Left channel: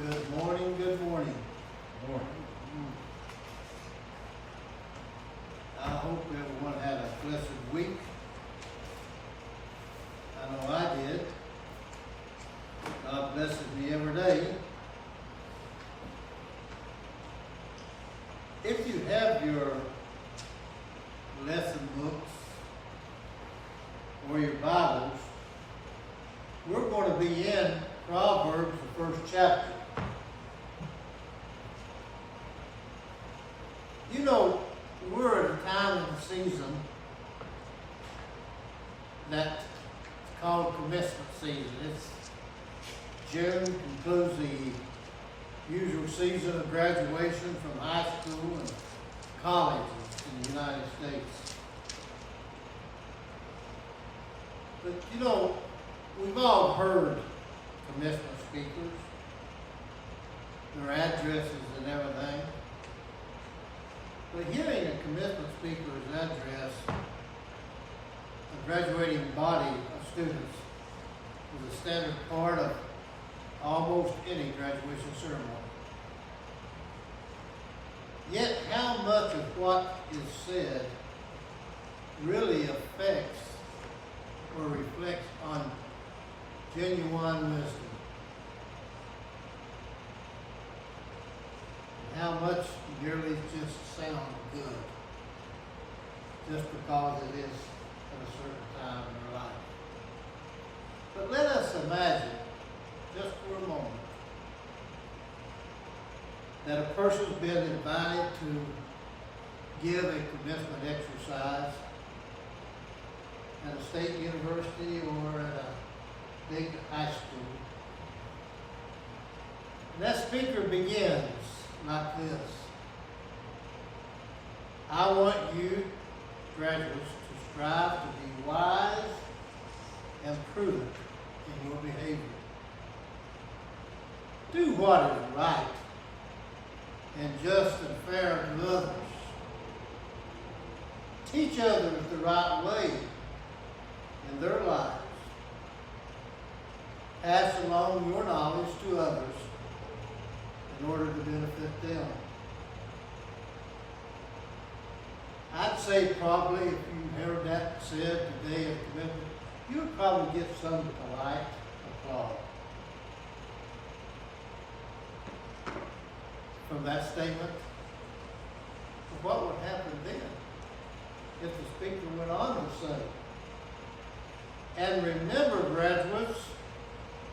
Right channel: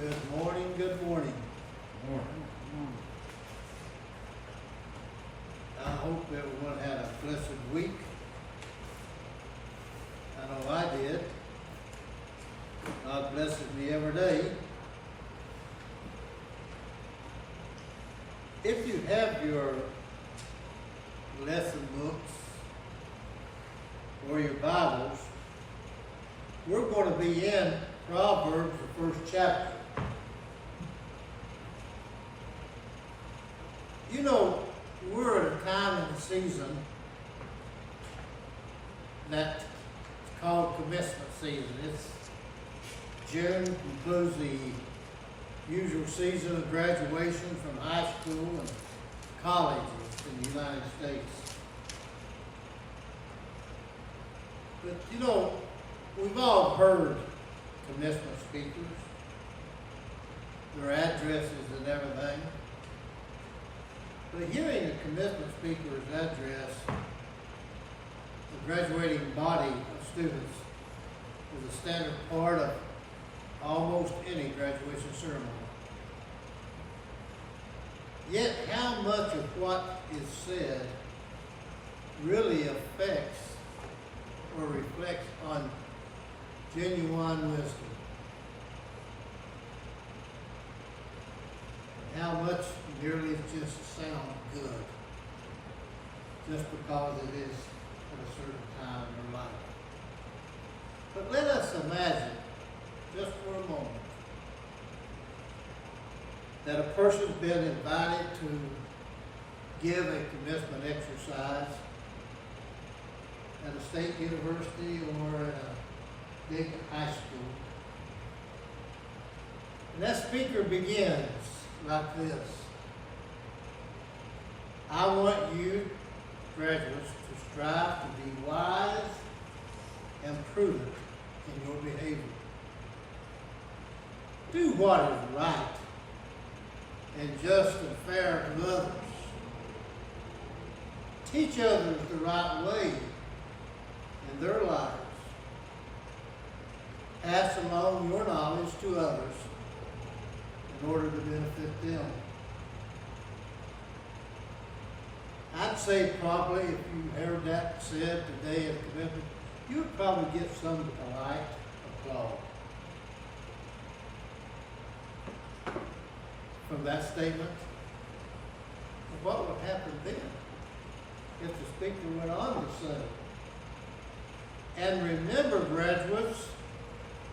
Good morning, good morning. I hope everyone had a blessed week. I know I did. God blesses me every day. If you have your lesson books or your Bibles, we're going to be in Proverbs, the first chapter. You know, we're at a time in the season that's called commencement season. It's June, concludes the usual season of graduation from high school and colleges in the United States. But you know, we've all heard commencement speakers, their addresses and everything. But hearing a commencement speaker's address, a graduating body of students, is a standard part of almost any graduation ceremony. Yet how much of what is said really affects or reflects on genuine wisdom? And how much merely just sound good just because it is at a certain time in their life? But let us imagine, just for a moment, that a person's been invited to give a commencement exercise at a state university or at a big high school. And that speaker begins like this: I want you, graduates, to strive to be wise and prudent in your behavior. Do what is right and just and fair to others. Teach others the right way in their lives. Pass along your knowledge to others in order to benefit them. I'd say probably if you heard that said today at commencement, you would probably get some polite applause from that statement. But what would happen then if the speaker went on to say, and remember, graduates,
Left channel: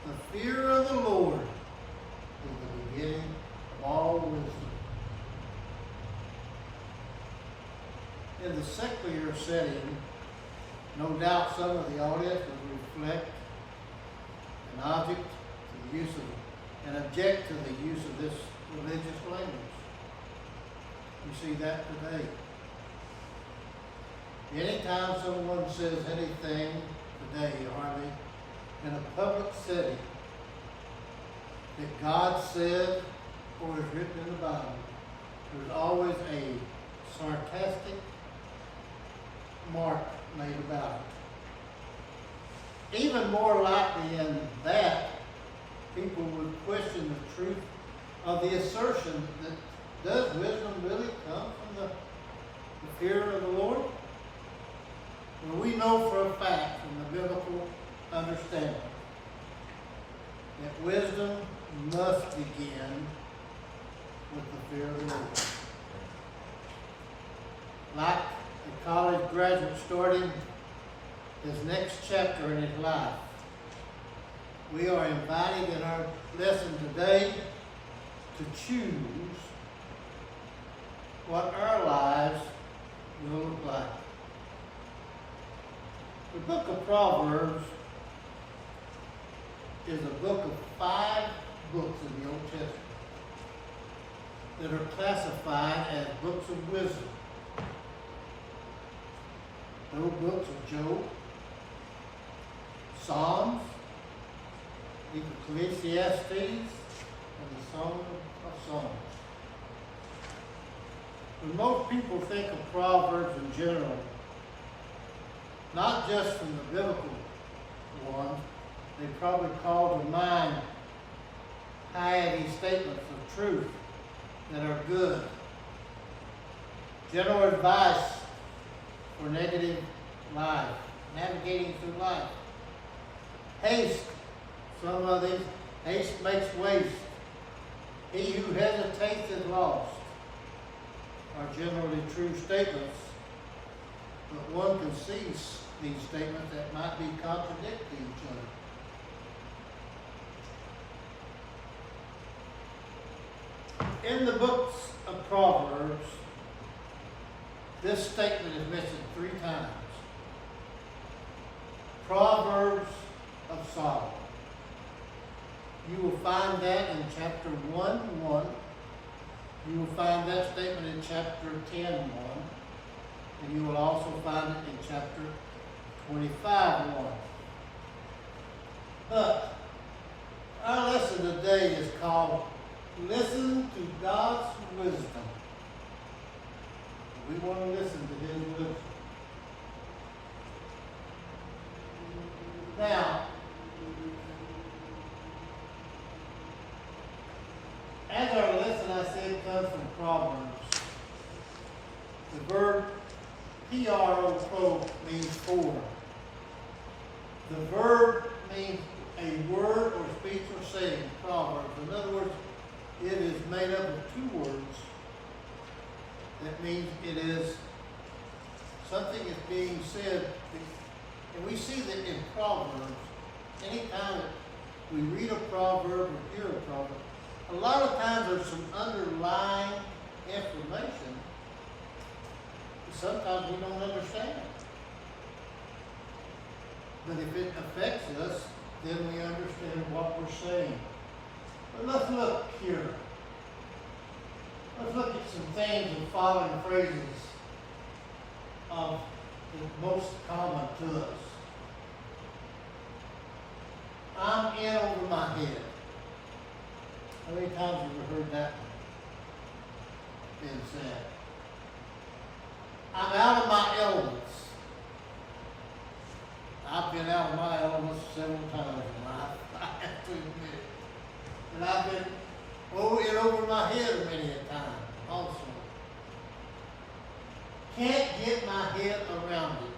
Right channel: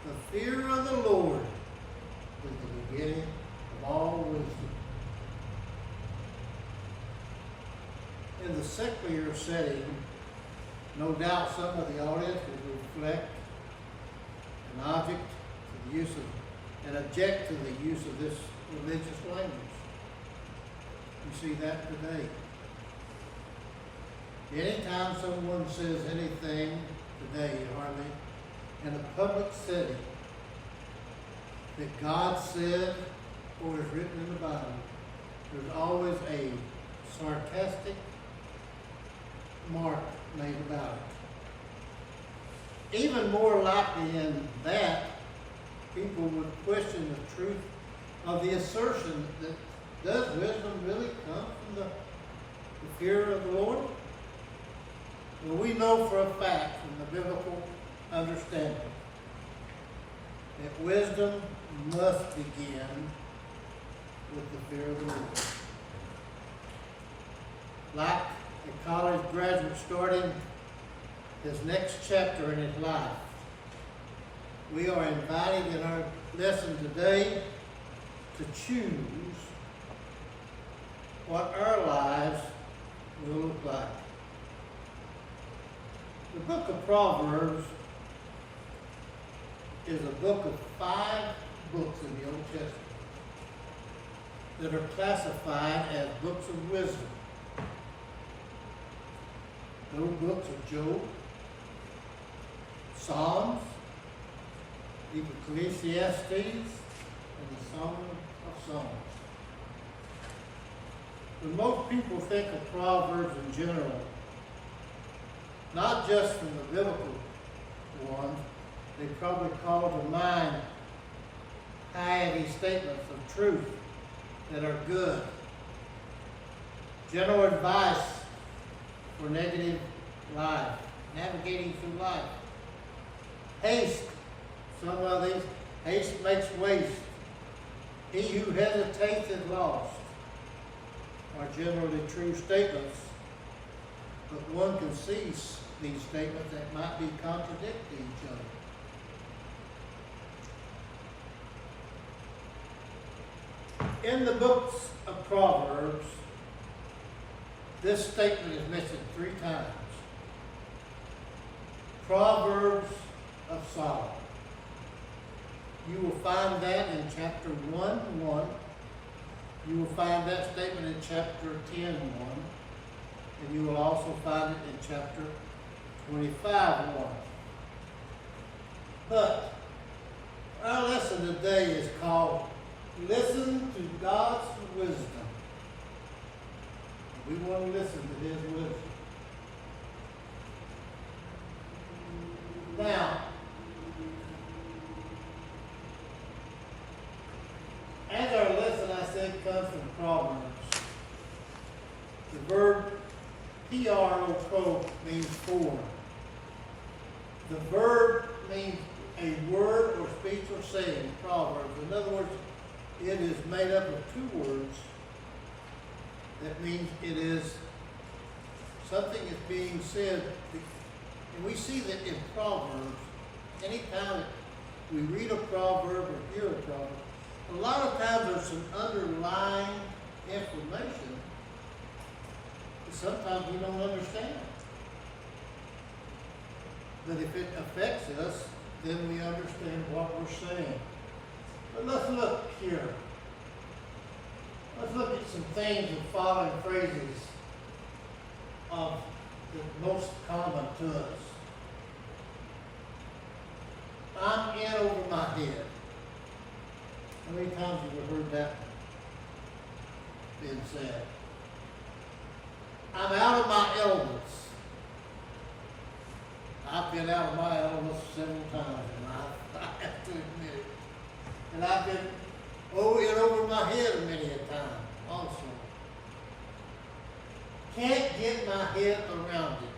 the fear of the Lord is the beginning of all wisdom. In the secular setting, no doubt some of the audience would reflect an object to the use of, and object to the use of this religious language. You see that today. Anytime someone says anything today, hardly, in a public setting that God said or is written in the Bible, there's always a sarcastic mark made about it. Even more likely than that, people would question the truth of the assertion that does wisdom really come from the fear of the Lord? Well, we know for a fact from the biblical understanding that wisdom must begin with the fear of the Lord. Like a college graduate starting his next chapter in his life, we are invited in our lesson today to choose what our lives will look like. The book of Proverbs is a book of 5 books in the Old Testament that are classified as books of wisdom. Those books are Job, Psalms, Ecclesiastes, and the Song of Songs. When most people think of Proverbs in general, not just from the biblical ones, they probably call to mind piety statements of truth that are good. General advice for negative life, navigating through life. Haste, some of these, haste makes waste. He who hesitates is lost, are generally true statements, but one can see these statements that might be contradicting each other. In the books of Proverbs, this statement is mentioned 3 times. Proverbs of Solomon. You will find that in chapter 1:1. You will find that statement in chapter 10:1. And you will also find it in chapter 25:1. But our lesson today is called Listen to God's Wisdom. We want to listen to His wisdom. Now, as our lesson, I said, comes from Proverbs. The verb Prov means for. The verb means a word or speech or saying, Proverbs. In other words, it is made up of 2 words. That means it is something is being said. And we see that in Proverbs, anytime we read a proverb or hear a proverb, a lot of times there's some underlying information that sometimes we don't understand. But if it affects us, then we understand what we're saying. But let's look here. Let's look at some things in following phrases of the most common to us. I'm in over my head. How many times have you heard that being said? I'm out of my elements. I've been out of my elements several times in life, I have to admit it. And I've been in over my head many a time also. Can't get my head around it.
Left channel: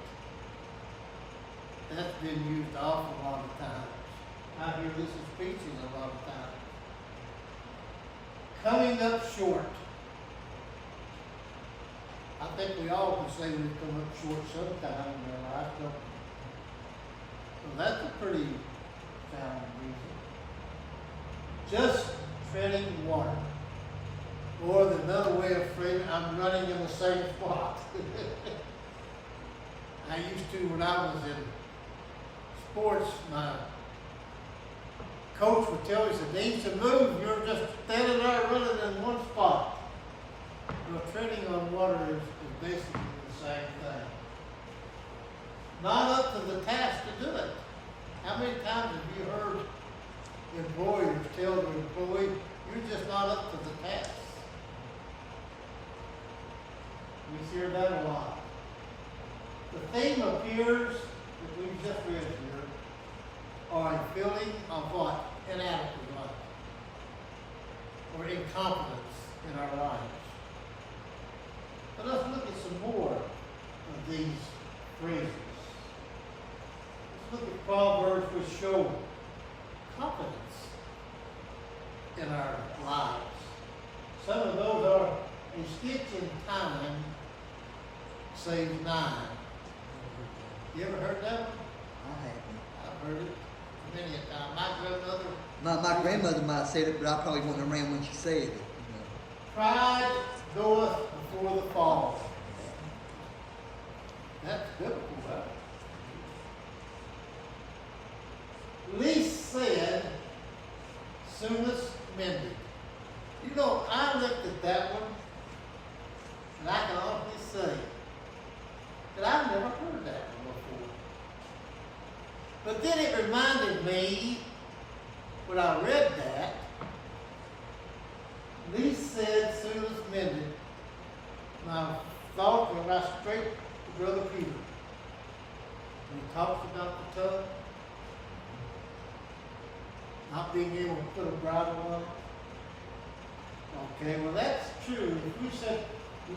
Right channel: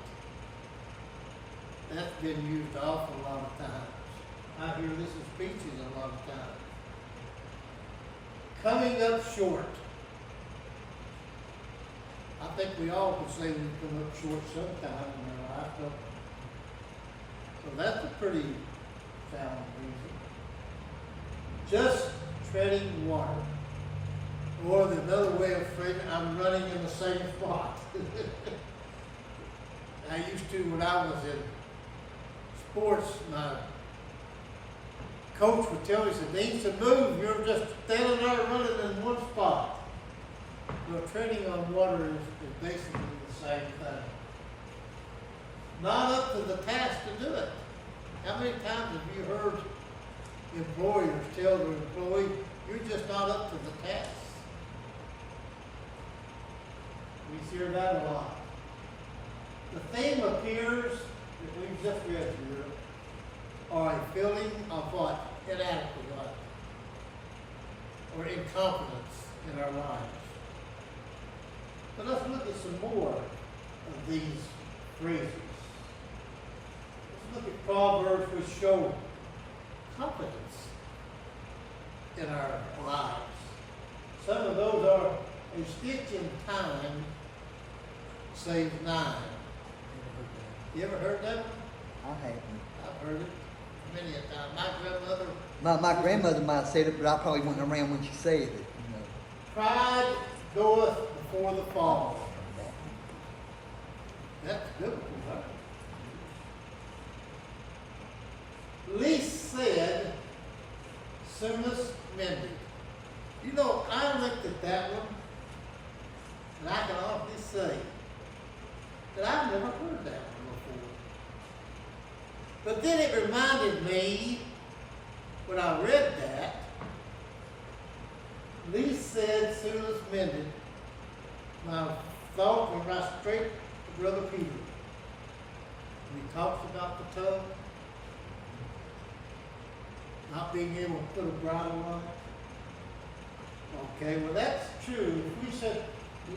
That's been used an awful lot of times. I hear this in speeches a lot of times. Coming up short. I think we all can say we come up short sometime in our life, don't we? So that's a pretty sound reason. Just treading water. Or another way of phrasing, I'm running in the same spot. I used to, when I was in sports, my coach would tell me, he said, "Need to move, you're just standing there running in one spot." Well, treading on water is basically the same thing. Not up to the task to do it. How many times have you heard employers tell their employee, you're just not up to the task? We hear that a lot. The theme appears that we've just read here are a feeling of what? Inadequate or incompetence in our lives. But let's look at some more of these phrases. Let's look at proverbs which show competence in our lives. Some of those are a stitch in time saves 9. You ever heard that one? I haven't. I've heard it many a time. My grandmother. My grandmother might have said it, but I probably wasn't around when she said it. You know. Pride goeth before the fall. That's biblical, right? Least said, soonest mended. You know, I looked at that one, and I can honestly say that I've never heard that one before. But then it reminded me, when I read that, least said, soonest mended. My thought went right straight to Brother Peter. When he talks about the tongue, not being able to put a bridle on it. Okay, well that's true.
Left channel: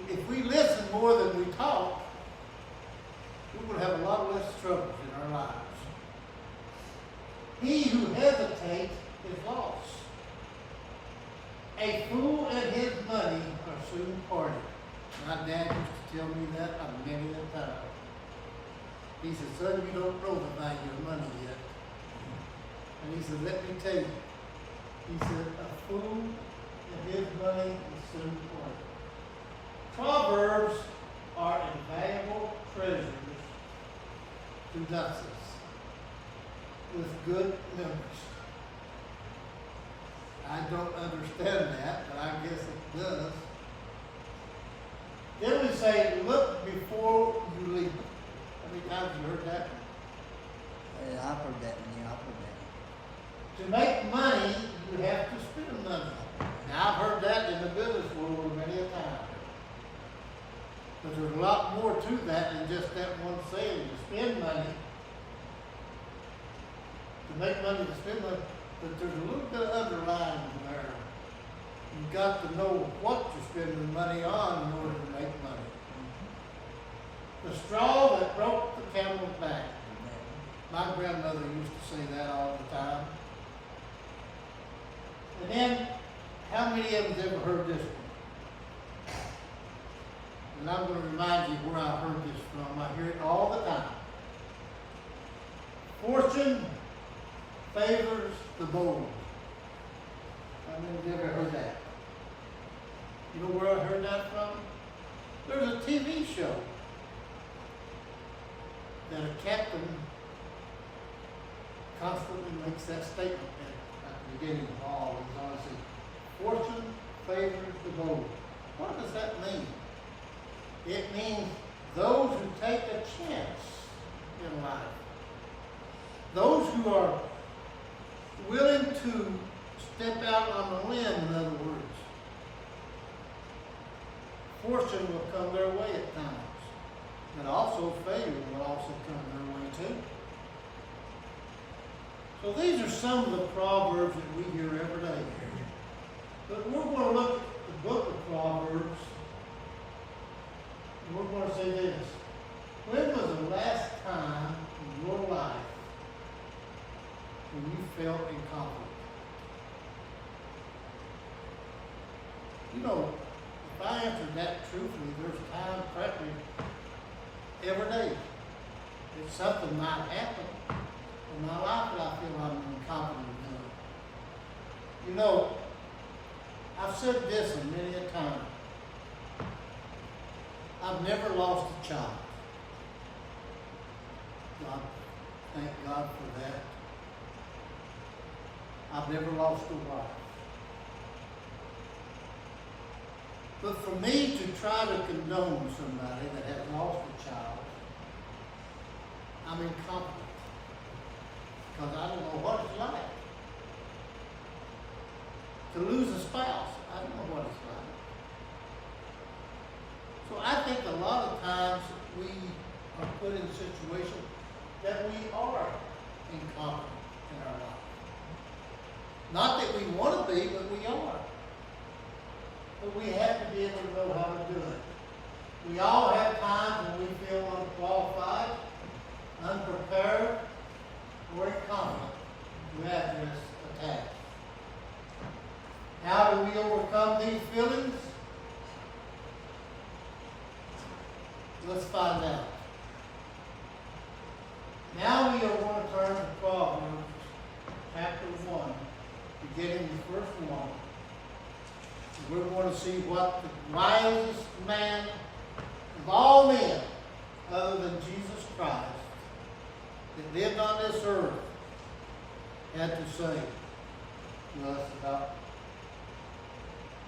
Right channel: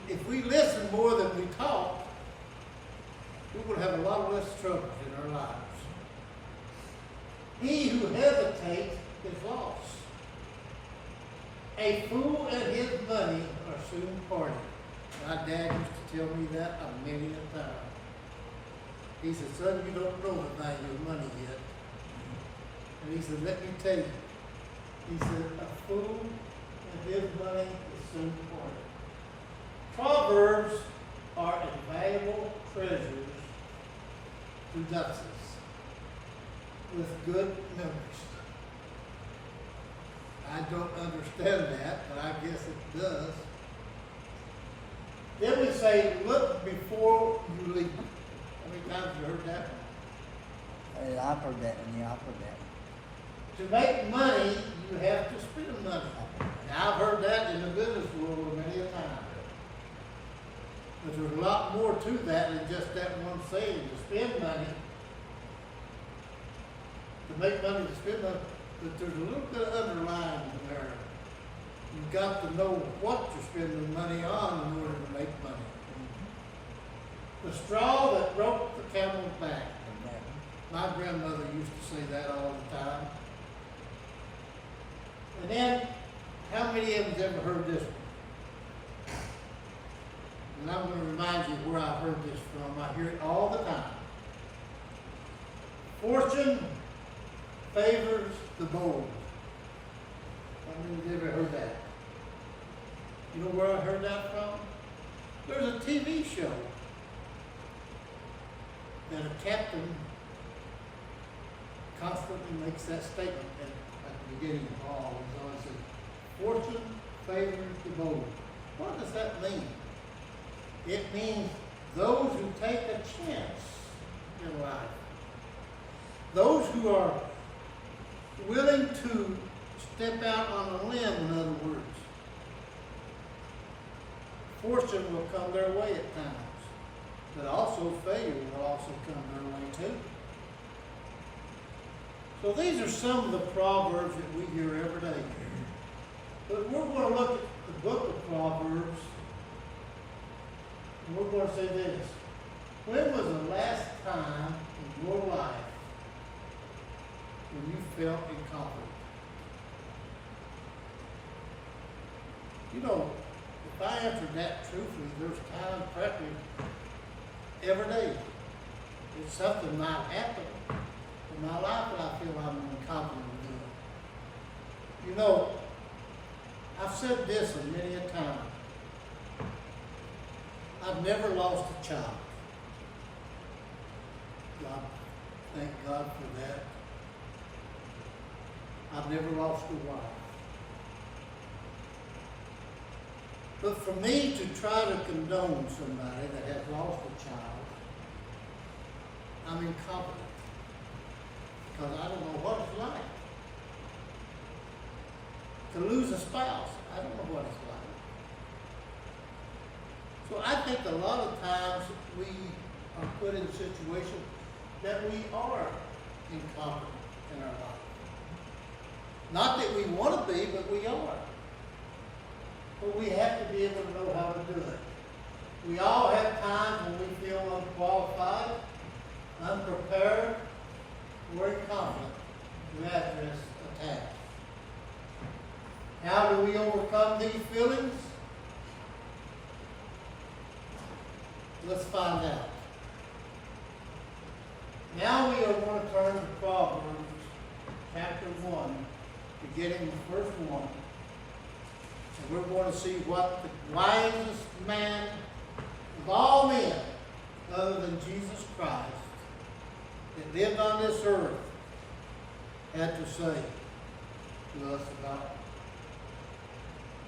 If we listen more than we talk, we will have a lot less trouble in our lives. He who hesitates is lost. A fool and his money are soon parted. My dad used to tell me that a many a time. He said, son, you don't know the value of money yet. And he said, let me tell you. He said, a fool and his money is soon parted. Proverbs are invaluable treasures to Nazis with good memories. I don't understand that, but I guess it does. Then we say, look before you leap. How many times have you heard that one? Hey, I've heard that, and I've heard that. To make money, you have to spend money. Now, I've heard that in the business world many a time. But there's a lot more to that than just that one saying. To spend money, to make money, to spend money, but there's a little bit of underlying there. You've got to know what you're spending money on in order to make money. The straw that broke the camel's back. My grandmother used to say that all the time. And then, how many of you ever heard this one? And I'm going to remind you where I heard this from. I hear it all the time. Fortune favors the bold. How many of you ever heard that? You know where I heard that from? There's a TV show that a captain constantly makes that statement at the beginning of all. He says, fortune favors the bold. What does that mean? It means those who take a chance in life. Those who are willing to step out on a limb, in other words. Fortune will come their way at times, but also failure will also come their way too. So these are some of the proverbs that we hear every day. But we're going to look at the book of Proverbs, and we're going to say this. When was the last time in your life when you felt incompetent? You know, if I answered that truthfully, there's times practically every day. If something might happen in my life that I feel I'm incompetent in doing. You know, I've said this many a time. I've never lost a child. God, thank God for that. I've never lost a wife. But for me to try to condone somebody that has lost a child, I'm incompetent. Because I don't know what it's like. To lose a spouse, I don't know what it's like. So I think a lot of times we are put in situations that we are incompetent in our life. Not that we want to be, but we are. But we have to be able to know how to do it. We all have times when we feel unqualified, unprepared, or incompetent to address a task. How do we overcome these feelings? Let's find out. Now we are going to turn to Proverbs chapter 1, beginning the first one. And we're going to see what the wisest man of all men, other than Jesus Christ, that lived on this earth, had to say to us about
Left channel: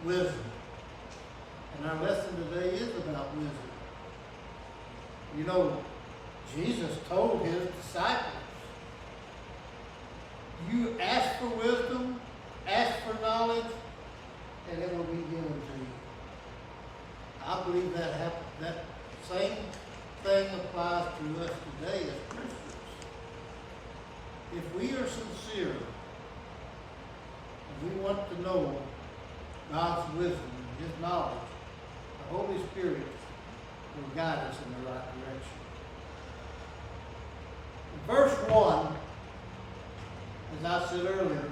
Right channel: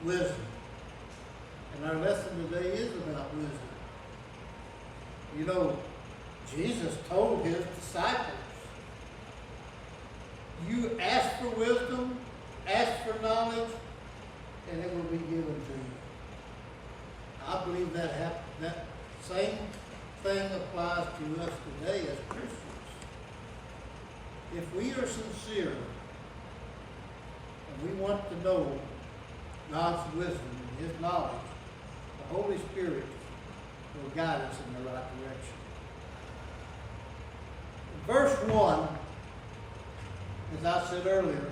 wisdom. And our lesson today is about wisdom. You know, Jesus told his disciples, you ask for wisdom, ask for knowledge, and it will be given to you. I believe that same thing applies to us today as Christians. If we are sincere and we want to know God's wisdom and His knowledge, the Holy Spirit will guide us in the right direction. In verse 1, as I said earlier,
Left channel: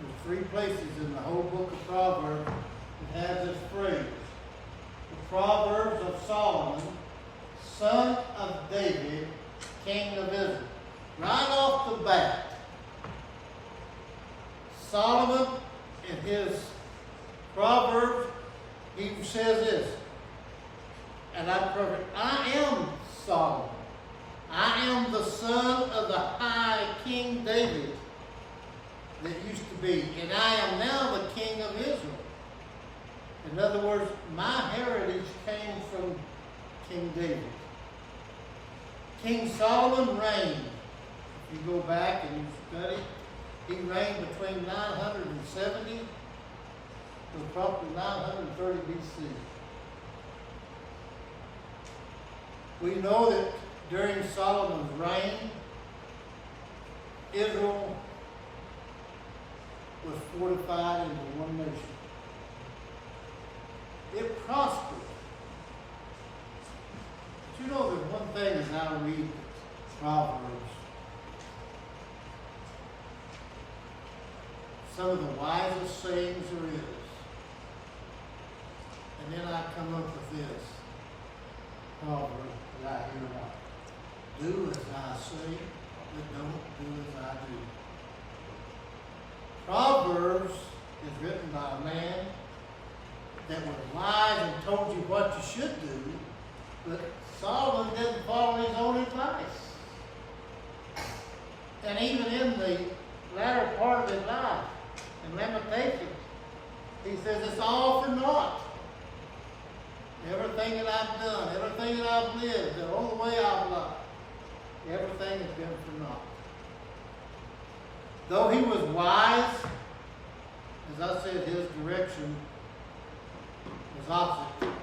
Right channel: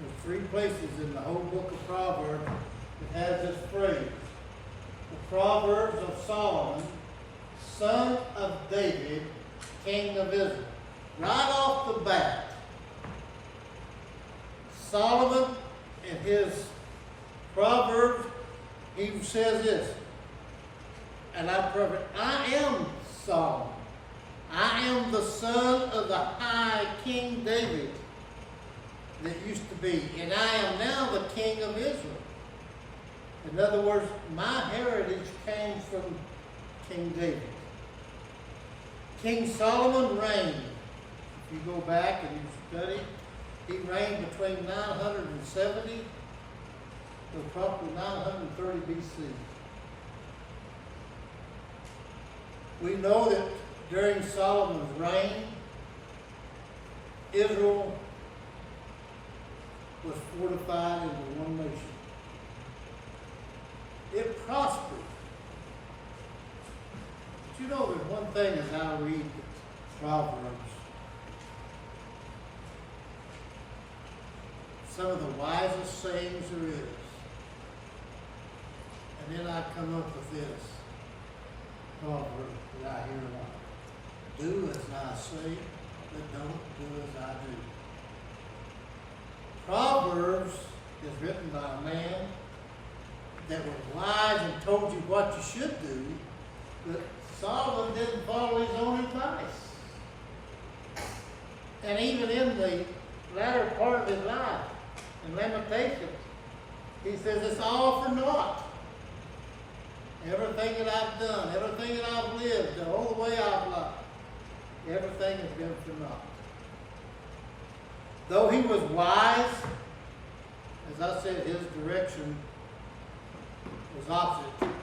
there's 3 places in the whole book of Proverbs that has this phrase. The Proverbs of Solomon, son of David, king of Israel. Right off the bat, Solomon in his Proverbs, he says this, and I'm perfect. I am Solomon. I am the son of the high King David that used to be, and I am now the king of Israel. In other words, my heritage came from King David. King Solomon reigned. If you go back and you study, he reigned between 970 to approximately 930 BC. We know that during Solomon's reign, Israel was fortified into one nation. It prospered. But you know, there's one thing as I read Proverbs, some of the wisest sayings there is. And then I come up with this proverb that I hear a lot. Do as I say, but don't do as I do. Proverbs is written by a man that was wise and told you what you should do, but Solomon didn't follow his own advice. And even in the latter part of his life, in Lamentations, he says it's all for naught. Everything that I've done, everything that I've lived, the whole way I've lived, everything has been for naught. Though he was wise, as I said, his direction was opposite from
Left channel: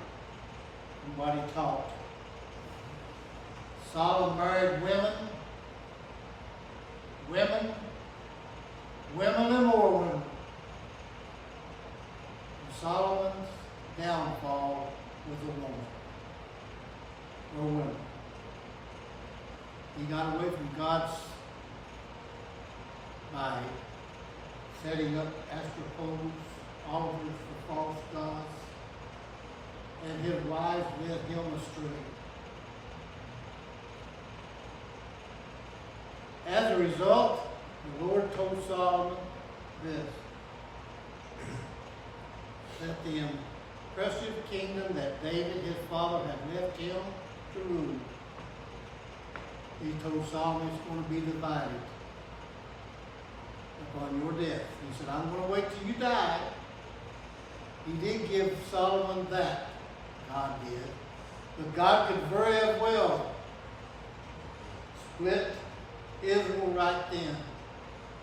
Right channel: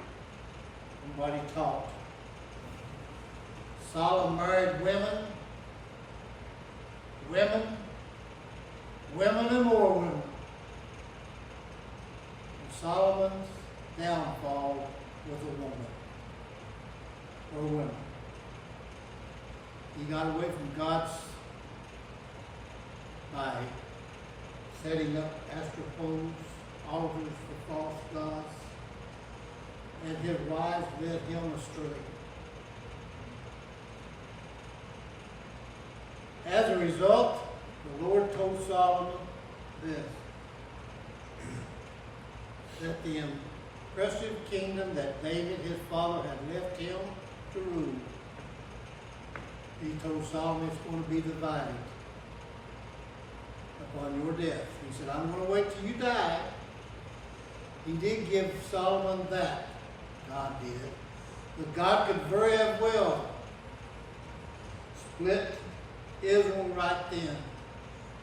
what he taught. Solomon married women and more women. And Solomon's downfall was a woman, or women. He got away from God's by setting up astropoles, altars for false gods, and his wives led him astray. As a result, the Lord told Solomon this, that the impressive kingdom that David, his father, had left him to rule, he told Solomon it's going to be divided upon your death. He said, I'm going to wait till you die. He did give Solomon that, God did. But God could very well split Israel right then.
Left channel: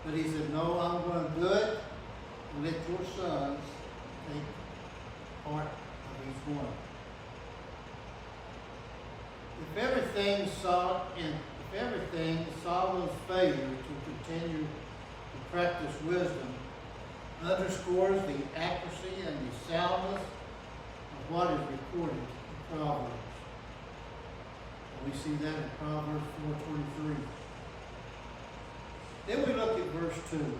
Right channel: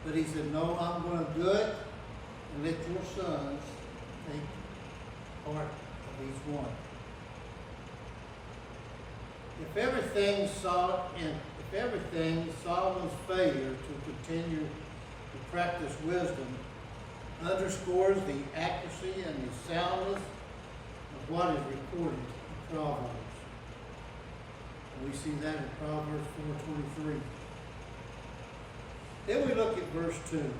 But he said, no, I'm going to do it and let your sons take part of each one. If everything Solomon's failure to continue to practice wisdom underscores the accuracy and the soundness of what is recorded in Proverbs. And we see that in Proverbs 4:23. Then we look at verse 2.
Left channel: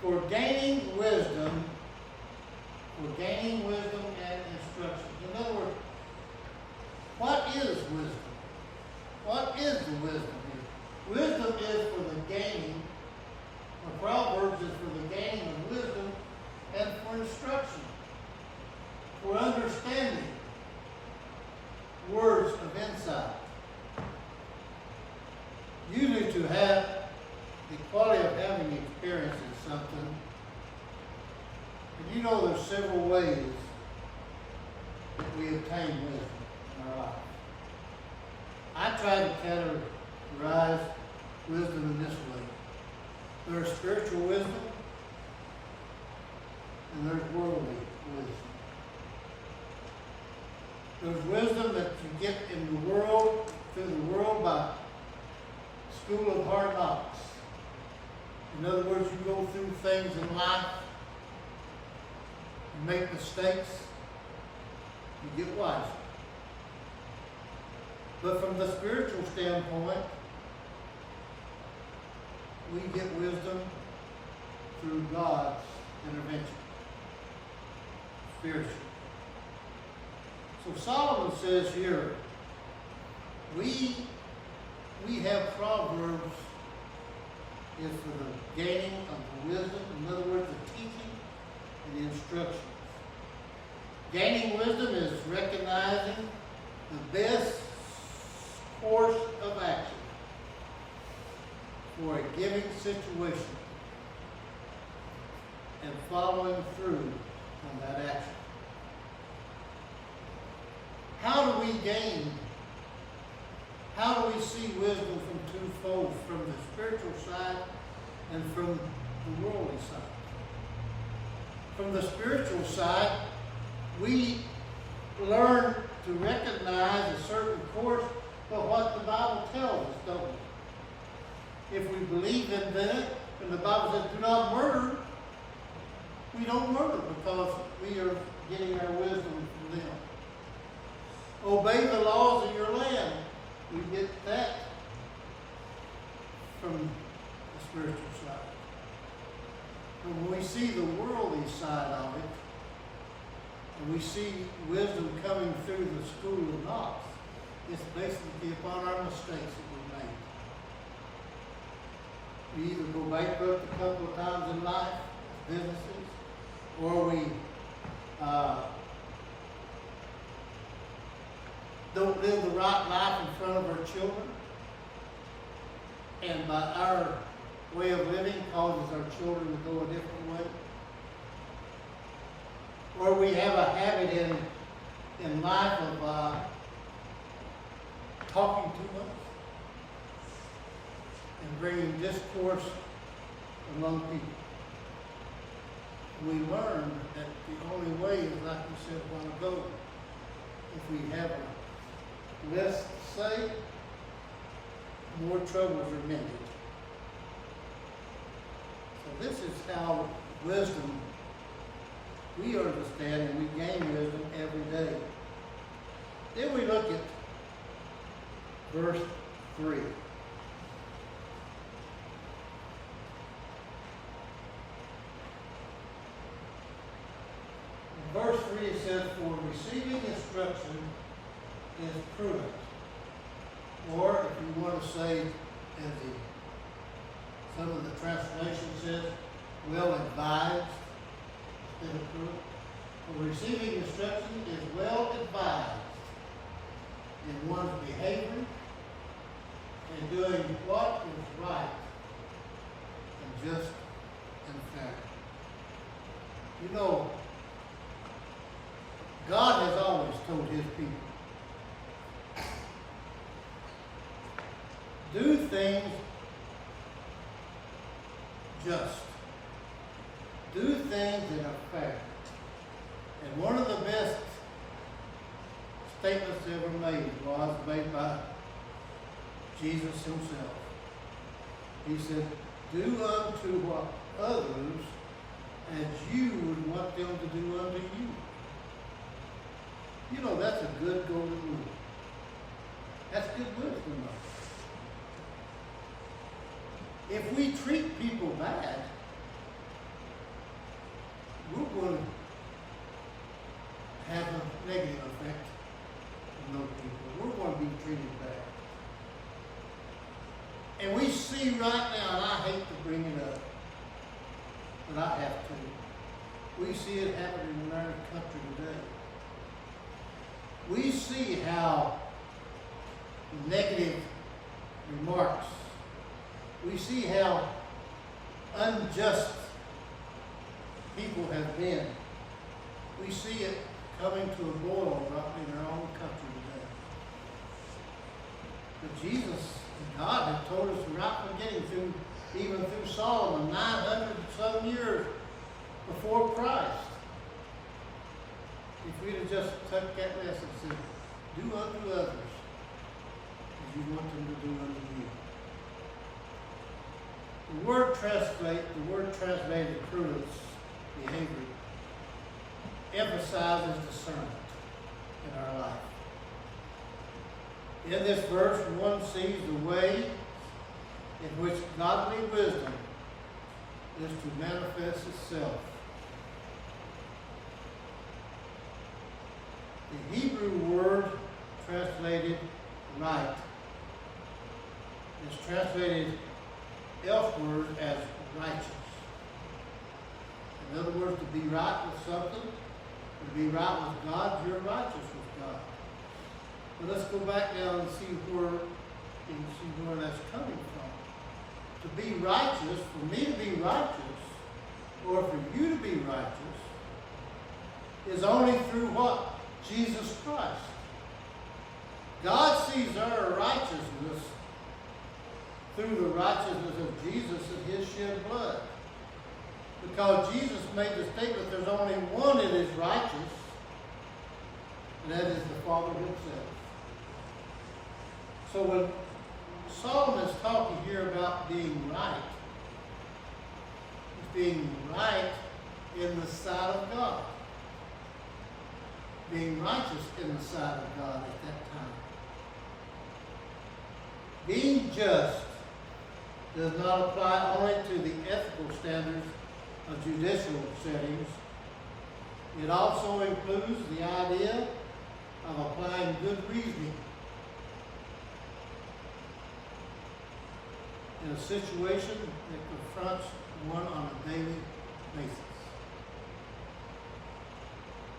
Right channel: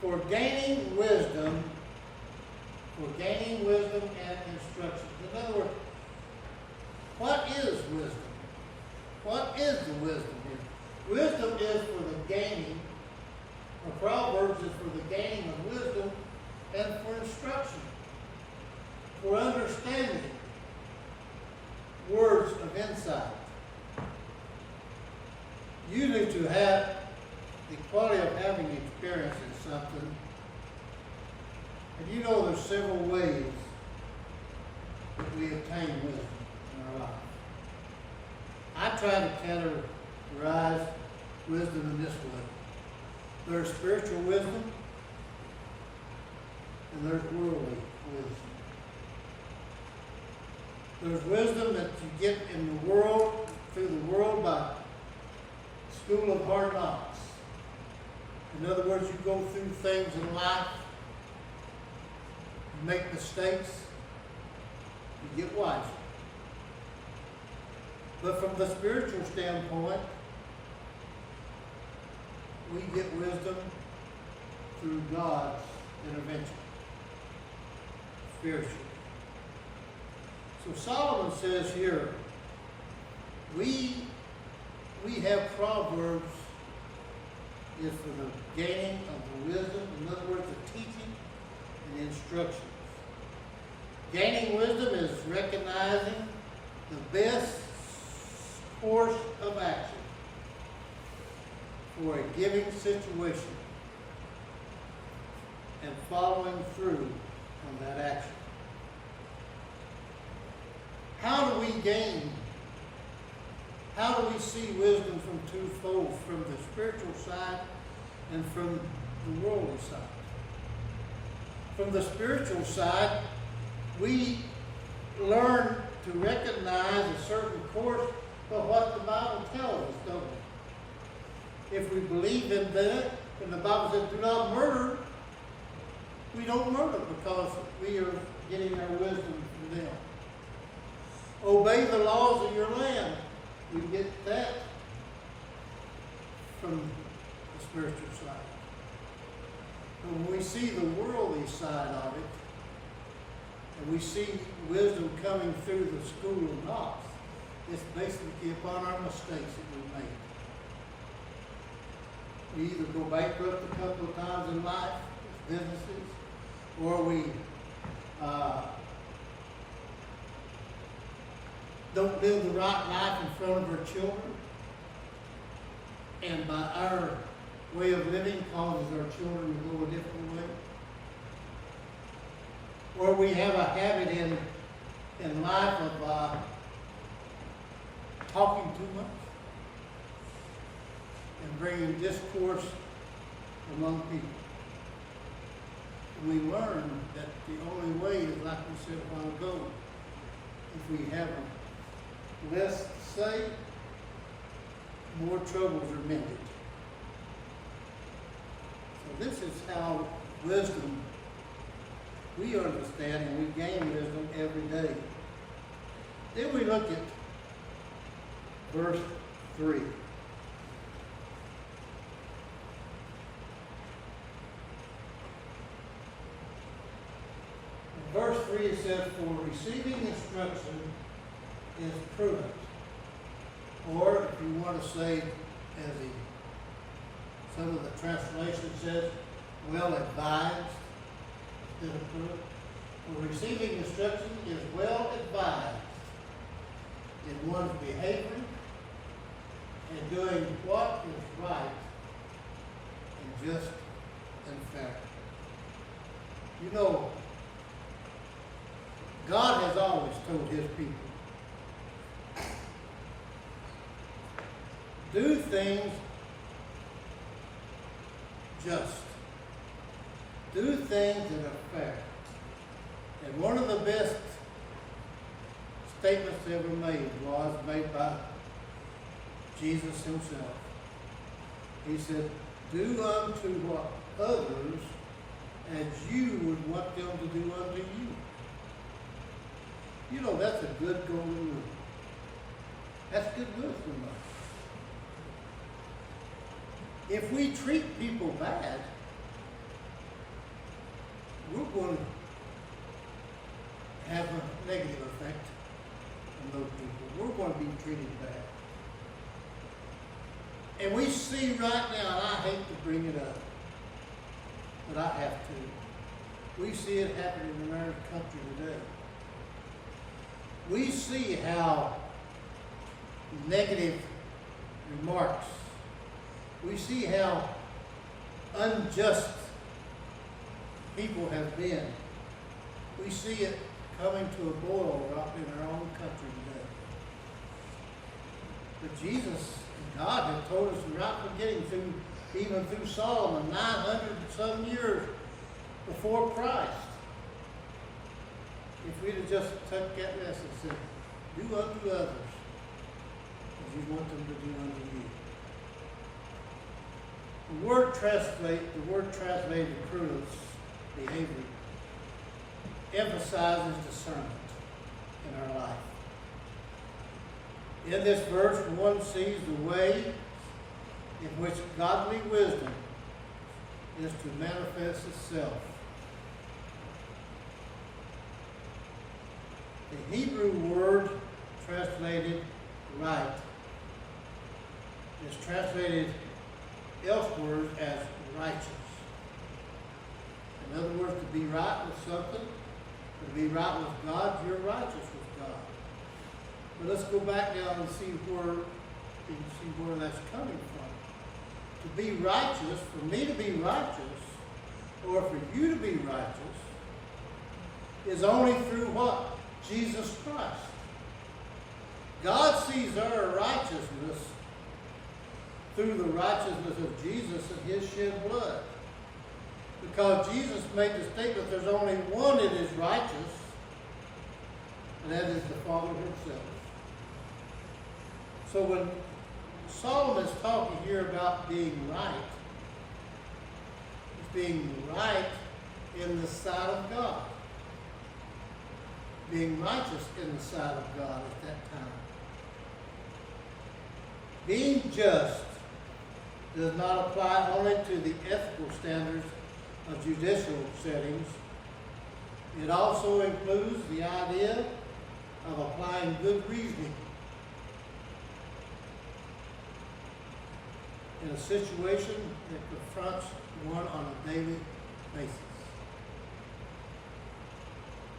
For gaining wisdom and instruction. In other words, what is wisdom? What is the wisdom here? Wisdom is for the gaining, or Proverbs is for the gaining of wisdom and for instruction, for understanding words of insight. Usually to have the quality of having experience in something. And you know there's several ways that we obtain wisdom in our life. I try to categorize wisdom in this way. There's spiritual wisdom and there's worldly wisdom. There's wisdom that you get in the world, through the world by school of hard knocks. In other words, you go through things in life, you make mistakes, you get wiser. But from the spiritual standpoint, we get wisdom through God's intervention, spiritually. So Solomon says here, we have Proverbs is for the gaining of the wisdom, in other words, the teaching and the instructions. Gaining wisdom is recognizing the best course of action for a given situation and following through on that action. How do we gain? How do we see wisdom from twofold, from the spiritual side and from the worldly side? From the spiritual side, we learn to recognize a certain course of what the Bible tells us, don't we? If we believe in that, when the Bible says, do not murder, we don't murder because we are getting our wisdom from them. Obey the laws of your land. We get that from the spiritual side. But when we see the worldly side of it, and we see wisdom coming through the school of knowledge, it's basically upon our mistakes that we made. We either go bankrupt a couple of times in life, as businesses, or we don't live the right life in front of our children, and by our way of living causes our children to go a different way. Or we have a habit in life of talking too much and bringing discourse among people. We learn that the only way is, like we said a while ago, if we have less to say, more troubles are mended. So this is how wisdom, we understand and we gain wisdom every day. Then we look at verse 3. In verse 3 it says, for receiving instruction is prudent. Or if you want to say, as some of the translation says, well advised instead of prudent. For receiving instruction is well advised in one's behavior and doing what is right and just and fair. You know, God has always told his people, do things just. Do things that are fair. And one of the best statements ever made was made by Jesus himself. He said, do unto what others as you would want them to do unto you. You know, that's a good golden rule. That's good wisdom, though. If we treat people bad, we're going to have a negative effect on those people. We're going to be treated bad. And we see right now, and I hate to bring it up, but I have to. We see it happening in our country today. We see how negative remarks, we see how unjust people have been. We see it coming to a boil right in our own country today. But Jesus and God have told us right from the beginning, even through Solomon, 900 and some years before Christ. If we'd have just took that lesson and said, do unto others as you want them to do unto you. The word translated prudence, behavior, emphasizes discernment in our life. In this verse, one sees the way in which godly wisdom is to manifest itself. The Hebrew word translated right is translated elsewhere as righteous. In other words, to be right with something, to be right with God, you're righteous with God. But let's go back down and see where that's coming from. To be righteous, for me to be righteous, or for you to be righteous, is only through what? Jesus Christ. God sees our righteousness through the righteousness of Jesus and his shed blood. Because Jesus made the statement, there's only one that is righteous, and that is the Father himself. So when Solomon's talking here about being right, he's being right in the sight of God. Being righteous in the sight of God at that time. Being just does not apply only to the ethical standards of judicial settings. It also includes the idea of applying good reasoning in a situation that confronts one on a daily basis.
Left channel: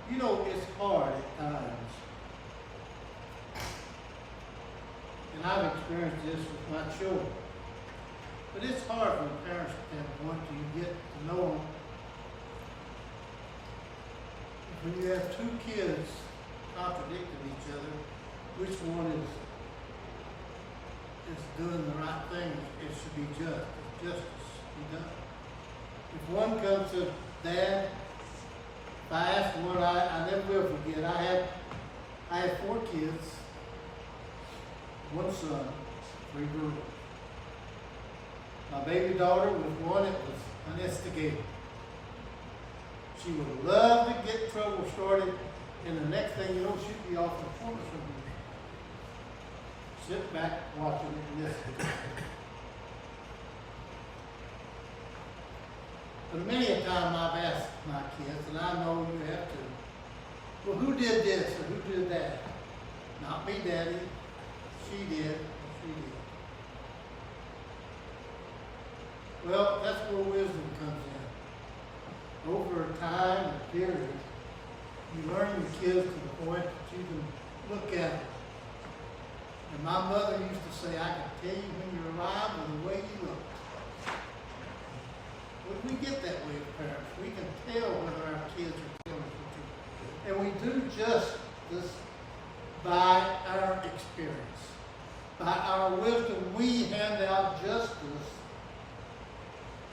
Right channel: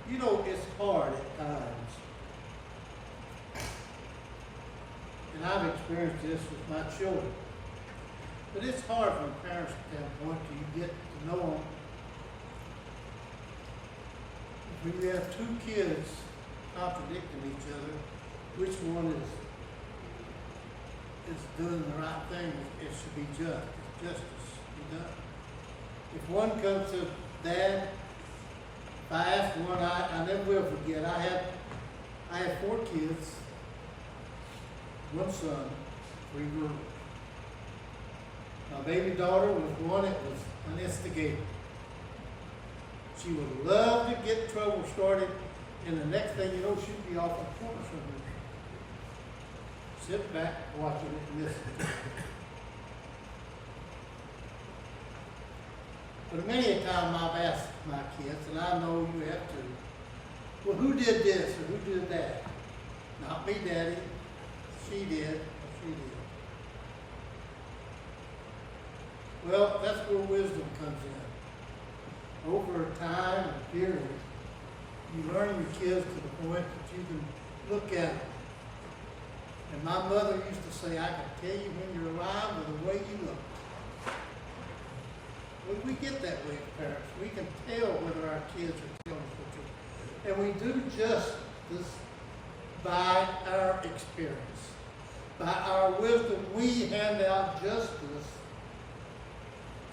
You know, it's hard at times. And I've experienced this with my children. But it's hard from a parent's standpoint till you get to know them. If you have two kids contradicting each other, which one is doing the right thing? It should be just. It's justice be done. If one comes to Dad, if I ask one, I never will forget. I had 4 kids, 1 son, 3 girls. My baby daughter was one that was an instigator. She would love to get trouble started, and the next thing you know, she'd be off in the corner somewhere. Sit back, watching it, and listening. But many a time I've asked my kids, and I know you have to, well, who did this or who did that? Not me, Daddy. She did, or she did. Well, that's where wisdom comes in. Over time and period, you learn your kids to the point that you can look at them. And my mother used to say, I can tell you when you're alive by the way you look. Well, we get that way as parents. We can tell whether our kids are telling us the truth. And we do justice by our experience. By our wisdom, we hand out justice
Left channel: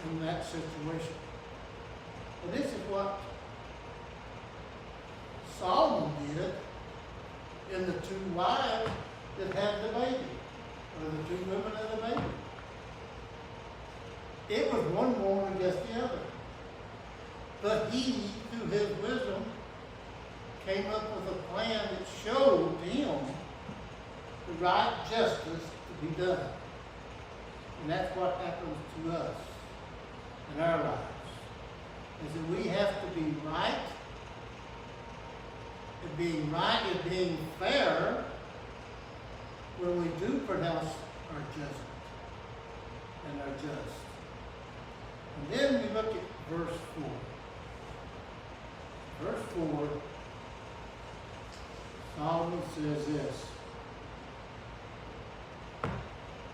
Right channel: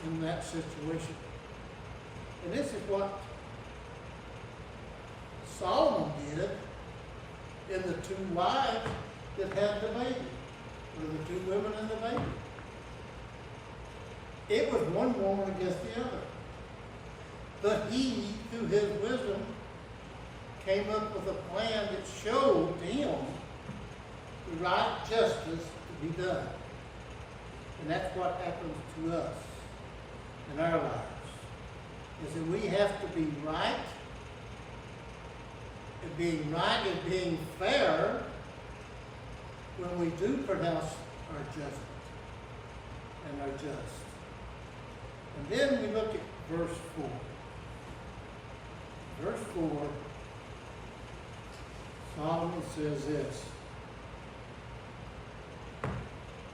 in that situation. And this is what Solomon did in the 2 wives that had the baby, or the 2 women and the baby. It was one woman against the other. But he, through his wisdom, came up with a plan that showed to him the right justice to be done. And that's what happens to us in our lives. Is that we have to be right, and being right is being fair when we do pronounce our judgment and our just. And then we look at verse 4. Verse 4, Solomon says this:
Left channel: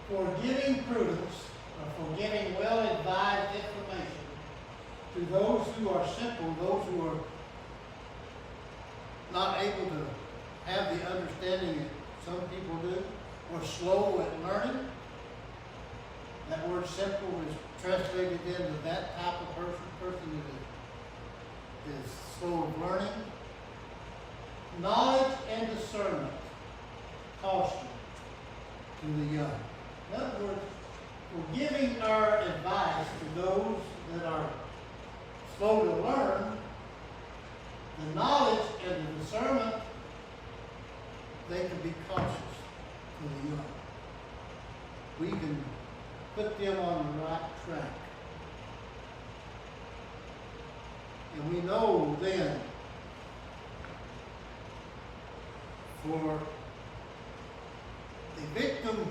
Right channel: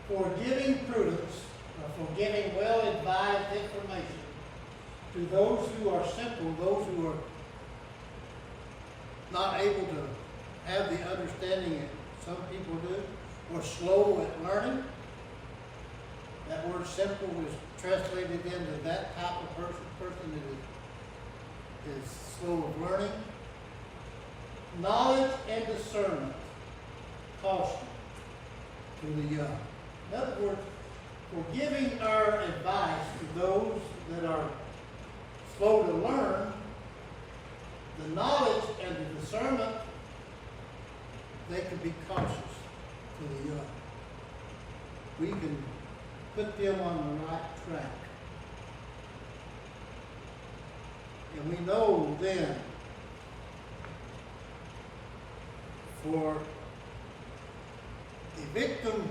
for giving prudence, or for giving well-advised information to those who are simple, those who are not able to have the understanding that some people do, or slow at learning. That word simple is translated into that type of person that is slow of learning. Knowledge and discernment, caution to the young. In other words, for giving our advice to those that are slow to learn, the knowledge and the discernment, they can be cautious to the young. We can put them on the right track. And we know then, for a victim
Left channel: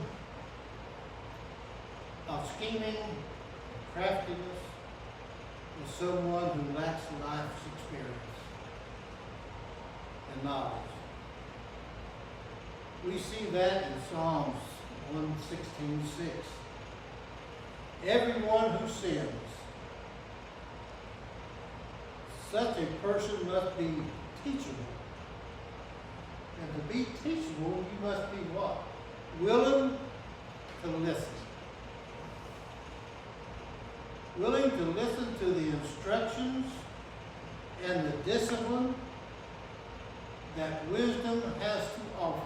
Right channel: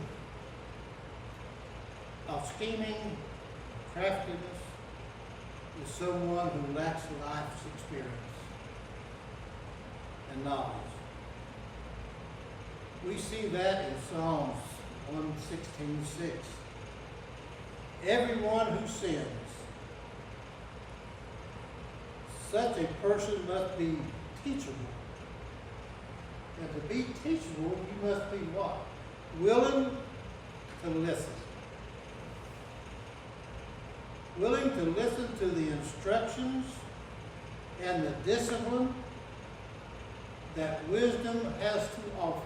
of scheming, craftiness, is someone who lacks life's experience and knowledge. We see that in Psalms 116:6. Everyone who sins, such a person must be teachable. And to be teachable, you must be what? Willing to listen. Willing to listen to the instructions and the discipline that wisdom has to offer.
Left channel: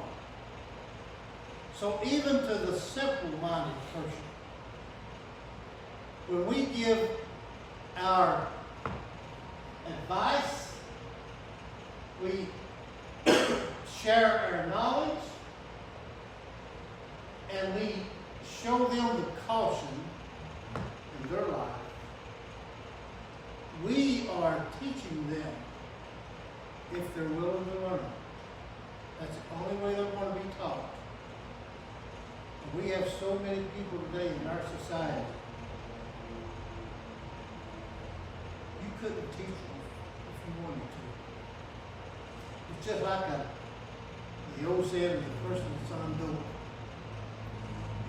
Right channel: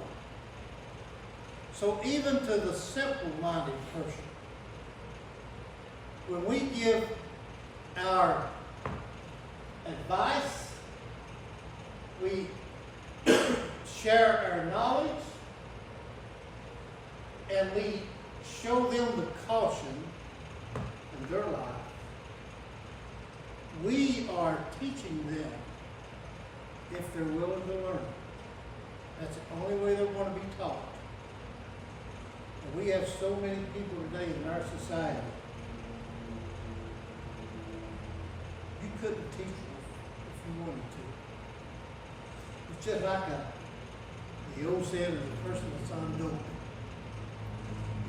So even to the simple-minded person, when we give our advice, we share our knowledge, and we show them the caution in their life, we are teaching them if they're willing to learn. That's the only way they're going to be taught. And we have so many people today in our society, you couldn't teach them if you wanted to. It's just like the old saying of the person that's on dope.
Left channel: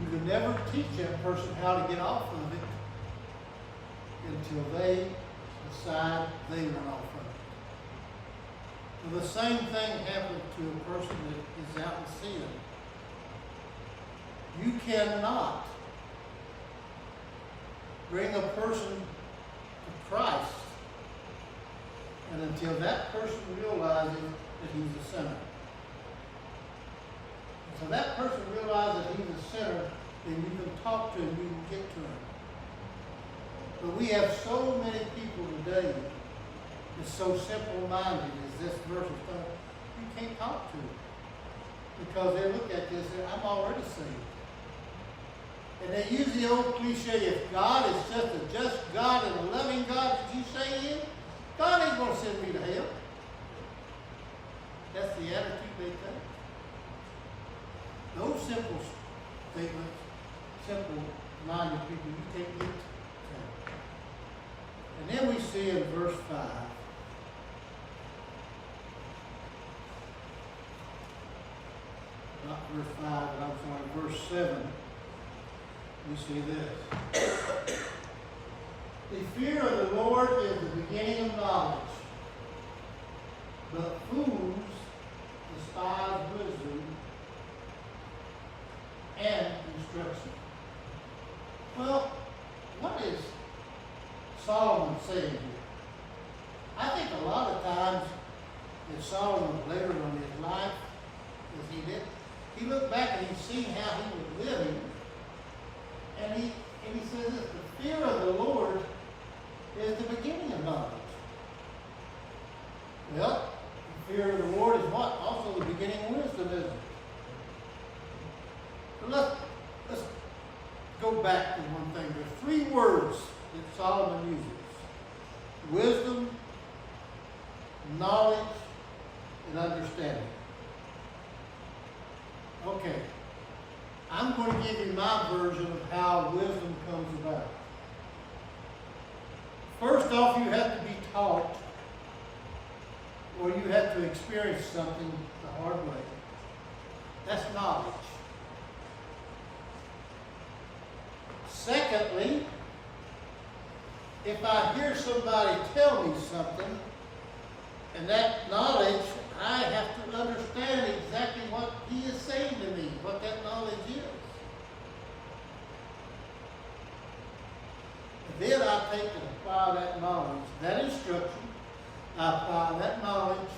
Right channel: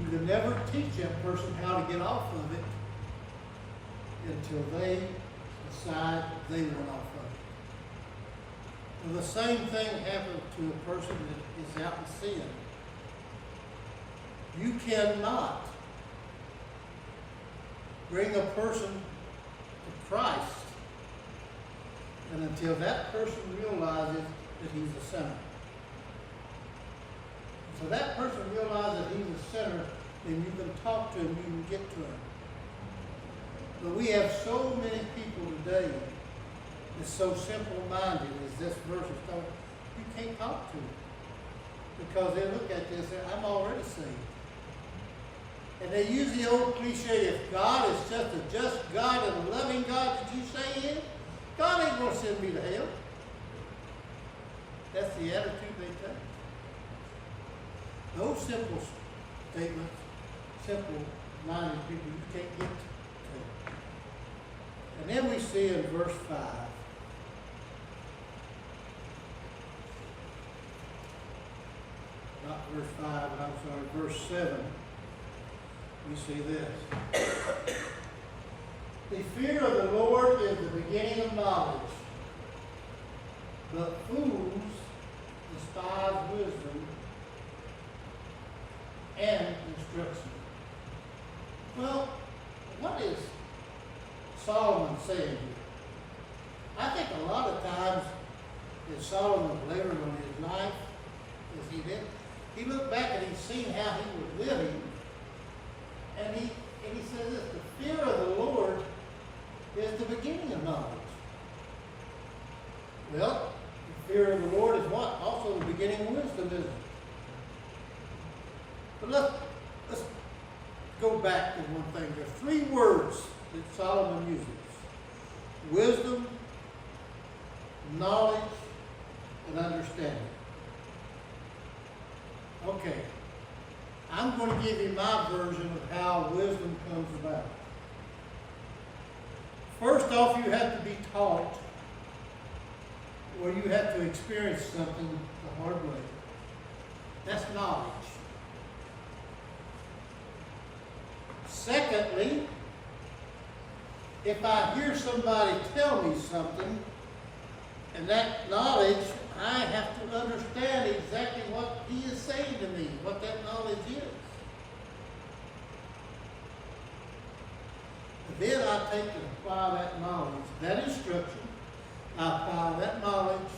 You can never teach that person how to get off of it until they decide they want off of it. Well, the same thing happens to a person that is out in sin. You cannot bring a person to Christ and until that person realizes that he's a sinner. So that person realizes that he's a sinner, then you can talk to him, you can get to him. But we have so many people today that's so simple-minded as this verse is telling, you can't talk to them. Because they look at this and say, I'm already saved. And they use the old cliche, if God is just a just God and a loving God that you say he is, God ain't going to send me to hell. That's the attitude they take. Those simple statements, simple-minded people, you can't get to. And then we see in verse 5, not verse 5, but I'm sorry, verse 7, we see this. The fear of the Lord is the beginning of knowledge, but fools despise wisdom and instruction. Well, what is Solomon saying here? I think a lot of times as Solomon later on his life, as he lived, he looked back and he seen how he was living, and he says this, the fear of the Lord is the beginning of knowledge. Well, the fear of the Lord is what? Also the beginning of wisdom, isn't it? But let's go back to one thing. There are three words that Solomon uses. Wisdom, knowledge, and understanding. Okay. I'm going to give you my version of how wisdom comes about. First off, you have to be taught, or you have to experience something the hard way. That's knowledge. Secondly, if I hear somebody tell me something, and that knowledge, I have to understand exactly what he is saying to me, what that knowledge is. And then I take and apply that knowledge, that instruction, I apply that knowledge,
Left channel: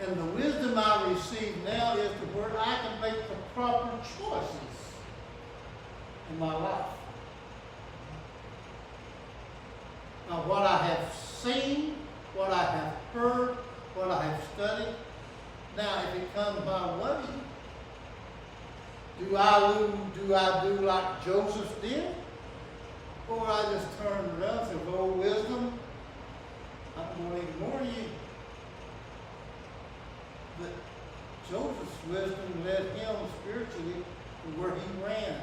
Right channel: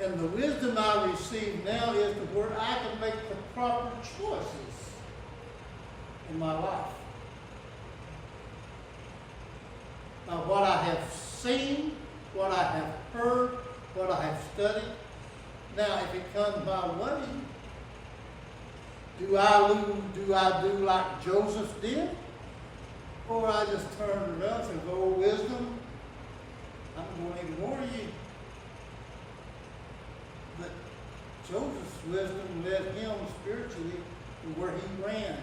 and the wisdom I receive now is to where I can make the proper choices in my life. Now, what I have seen, what I have heard, what I have studied, now if it comes my way, do I do like Joseph did? Or I just turn around and say, oh, wisdom, I'm going to ignore you. But Joseph's wisdom led him spiritually to where he ran.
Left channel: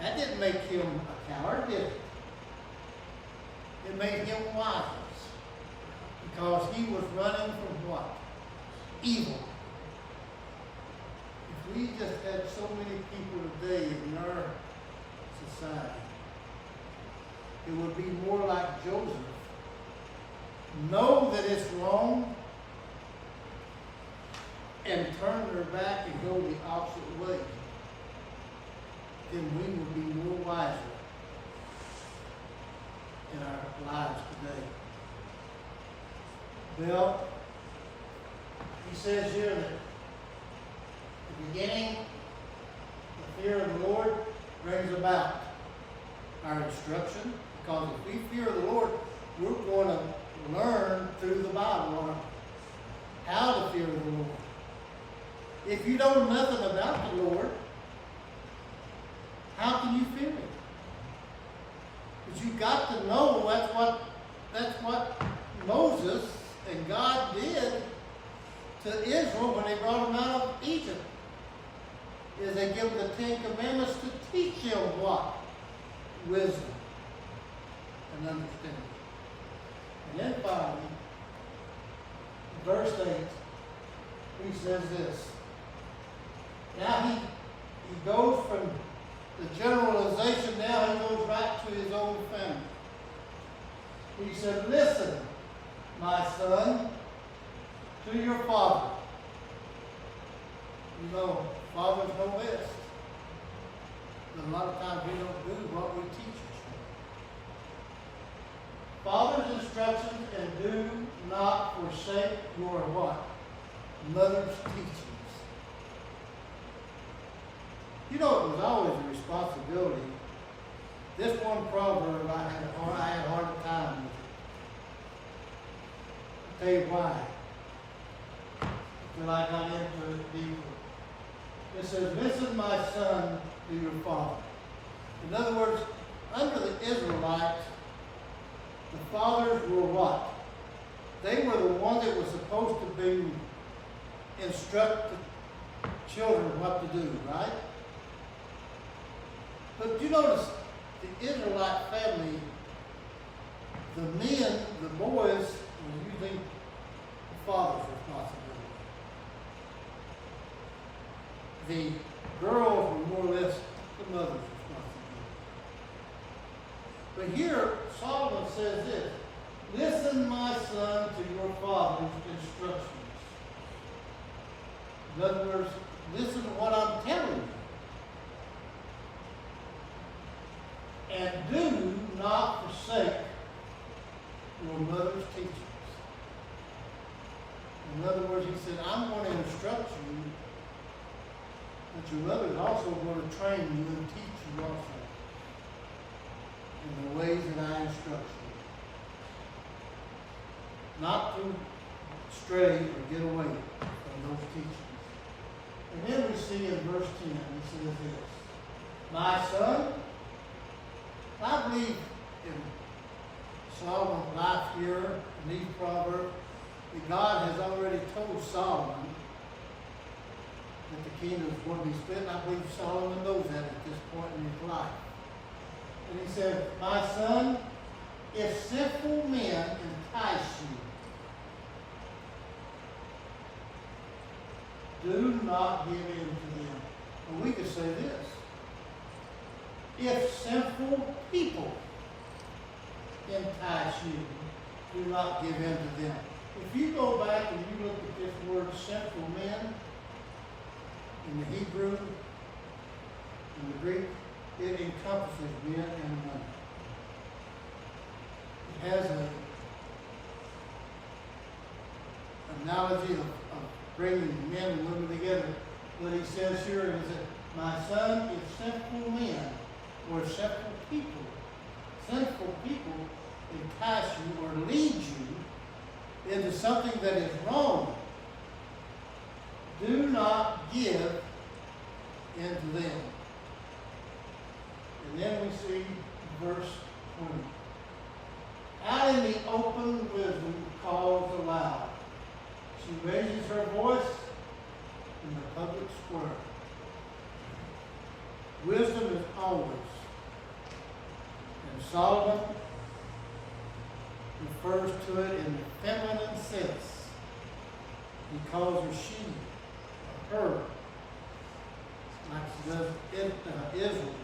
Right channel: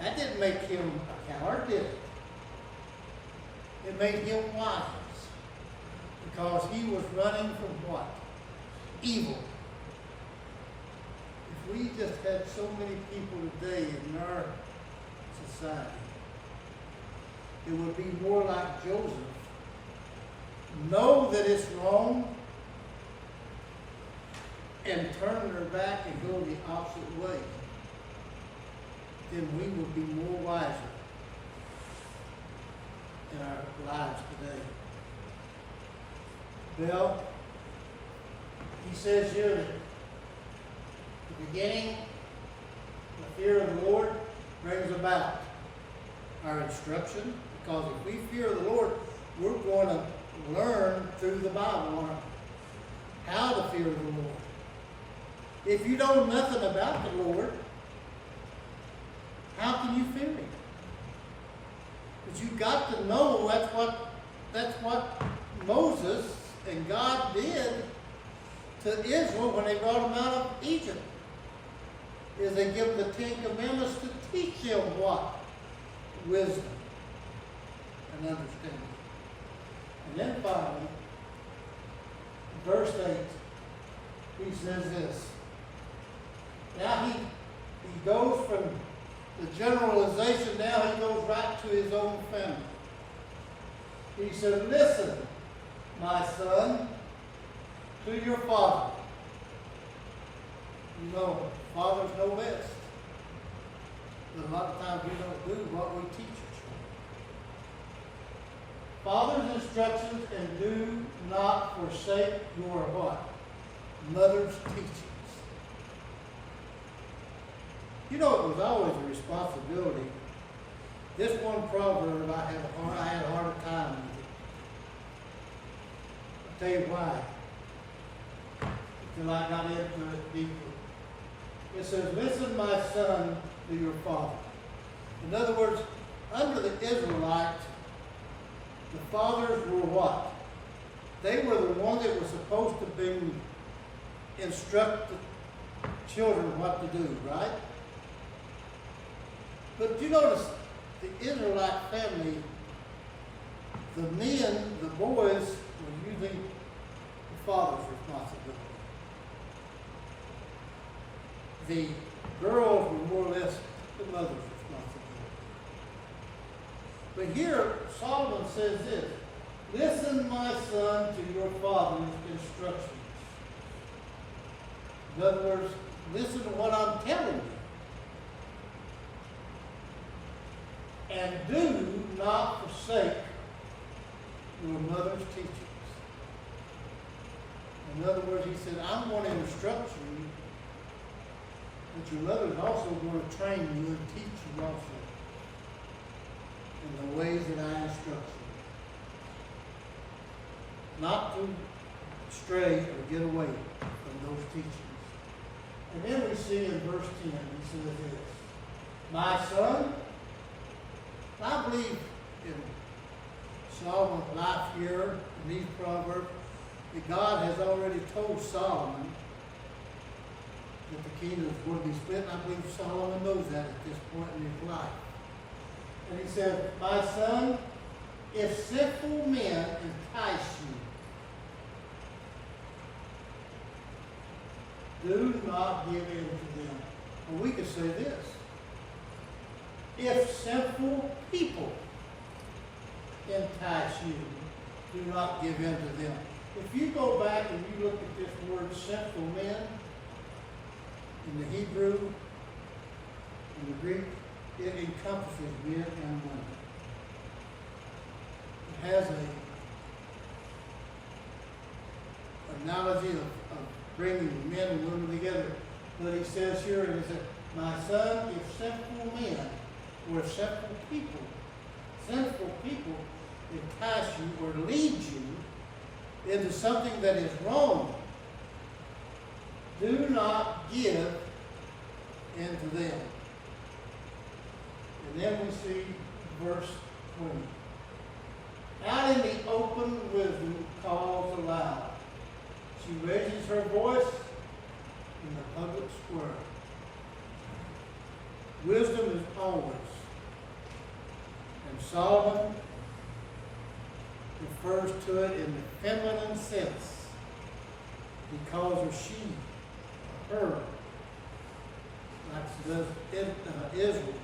That didn't make him a coward, did it? It made him wise. Because he was running from what? Evil. If we just had so many people today in our society, it would be more like Joseph. Know that it's wrong and turn their back and go the opposite way, then we would be more wiser in our lives today. Well, he says here that the beginning, the fear of the Lord brings about our instruction, because if we fear the Lord, we're going to learn through the Bible how to fear the Lord. If you know nothing about the Lord, how can you fear Him? But you've got to know that's what Moses and God did to Israel when they brought them out of Egypt. Is they give them the Ten Commandments to teach them what? Wisdom and understanding. And then finally, verse 8, he says this. Now he goes from the generalization, now he goes right to his own family. He said, listen, my son, to your father. You know, fathers know best. But a lot of times we don't do what we teach our children. Father's instructions, and do not forsake your what? Mother's teachings. You know, it was always a responsibility. This one proverb, I had a hard time with it. I'll tell you why. Until I got into it deeper. It says, listen, my son, to your father. In other words, under the Israelites, the fathers were what? They were the ones that were supposed to be instruct the children what to do, right? But you notice, the Israelite family, the men, the boys, were using the father's responsibility. The girls were more or less the mother's responsibility. But here, Solomon says this, listen, my son, to your father's instructions. In other words, listen to what I'm telling you. And do not forsake your mother's teachings. In other words, he said, I'm going to instruct you, but your mother is also going to train you and teach you also in the ways that I instruct you. Not to stray or get away from those teachings. And then we see in verse 10, he says this, my son, I believe in Solomon's life here, in these proverbs, that God has already told Solomon that the kingdom is going to be split. And I believe Solomon knows that at this point in his life. And he says, my son, if sinful men entice you, do not give in to them. Or we could say this. If sinful people entice you, do not give in to them. If you go back and you look at this word sinful men, in the Hebrew and the Greek, it encompasses men and women. It has an analogy of bringing men and women together. But he says here, my son, if sinful men or sinful people entice you or lead you into something that is wrong, do not give into them. And then we see verse 20. Out in the open, wisdom calls aloud. She raises her voice in the public square. Wisdom is always. And Solomon refers to it in the feminine sense. He calls her she, or her, like he does in Israel.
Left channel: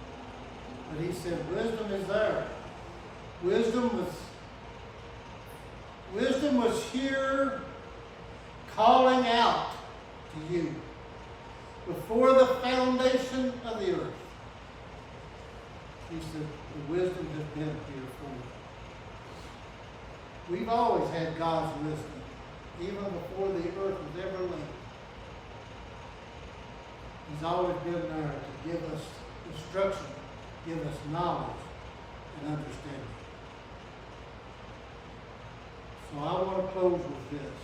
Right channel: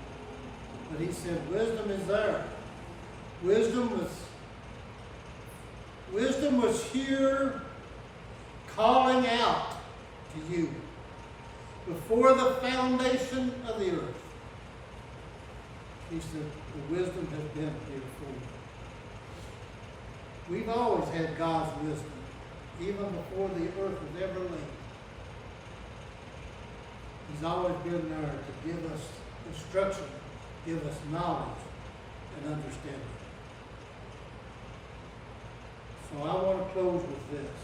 But he said wisdom is there. Wisdom was here calling out to you before the foundation of the earth. He said the wisdom has been here for you. We've always had God's wisdom, even before the earth was ever laid. He's always been there to give us instruction, give us knowledge and understanding. So I want to close with this.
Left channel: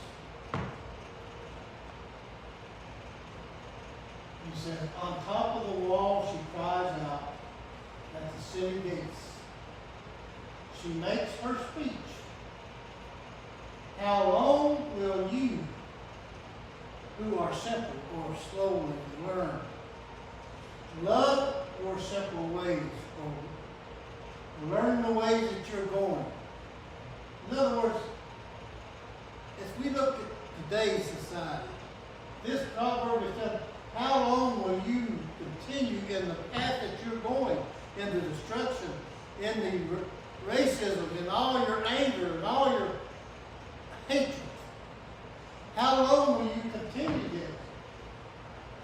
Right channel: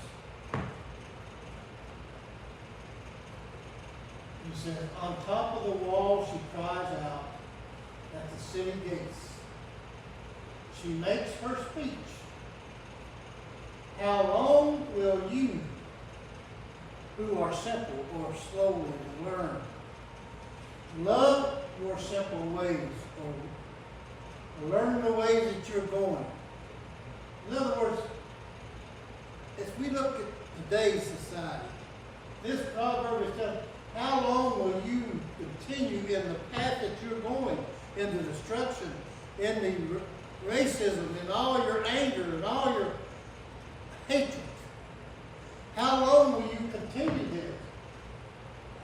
He says, on top of the wall she cries out at the city gates. She makes her speech. How long will you, who are simple or slowly to learn, love your simple ways, or learn the ways that you're going? In other words, as we look at today's society, this proverb is telling, how long will you continue in the path that you're going, in the destruction, in the racism, in all your anger, and all your hatred? How long will you continue this?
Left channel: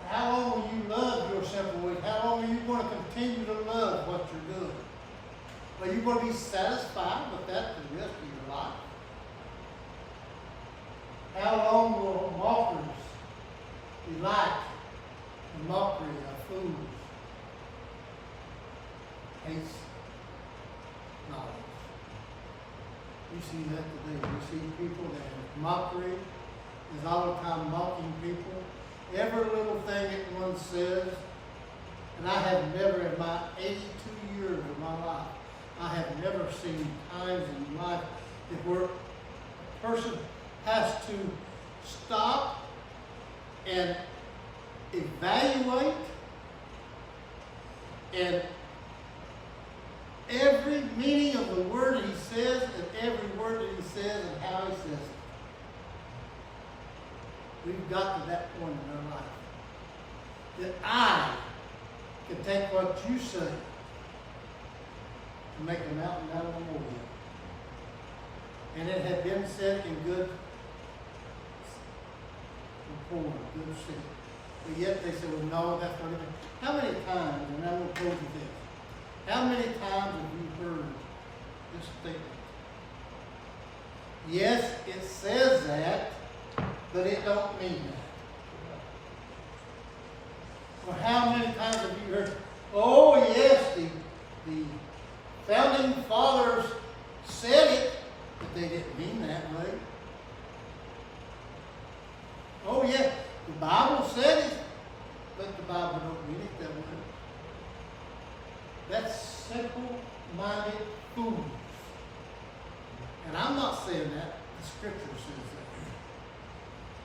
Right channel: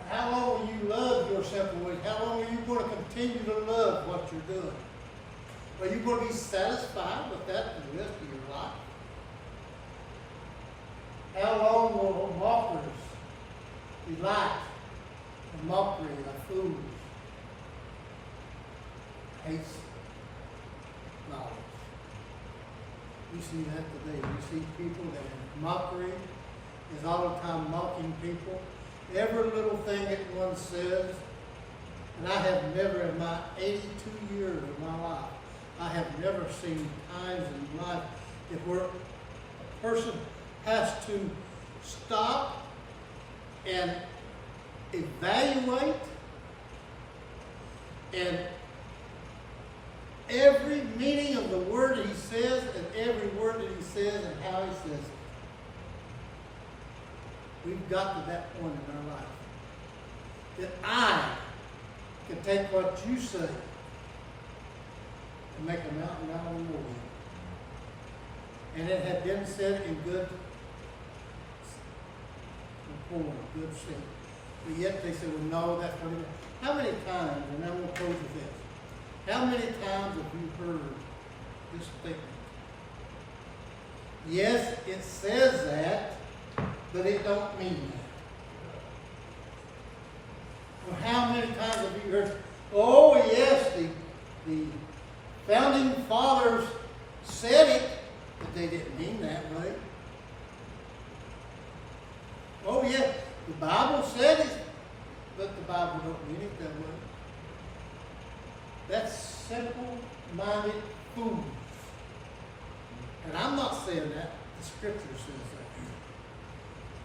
How long will you love your simple ways? How long are you going to continue to love what you're doing? Are you going to be satisfied with that for the rest of your life? How long will mockers delight in mockery of fools? Hates knowledge. We see that today. We see people that in mockery is all the time mocking people. Every little thing that one says, and I have never in my 82 years of my life, I have never seen times in life that where a person has to stop and evaluate and every meaning of the word he says and every word that he says and how he says it. We've got to that point in our life that I can take what you say and make a mountain out of a molehill. And it had been said in good rapport, good sense. But yet they said, well, no, that's not even. How many times, and I will close with this, how many times have you heard this statement? Yes, it says that, but it don't mean that. Or how many times have you heard, oh yes, the founding fathers said it, but they didn't mean that way. Oh yeah, the Bible said it, but the Bible don't mean it that way. That's simple-minded fools. And I'm not saying that, the Scripture says that.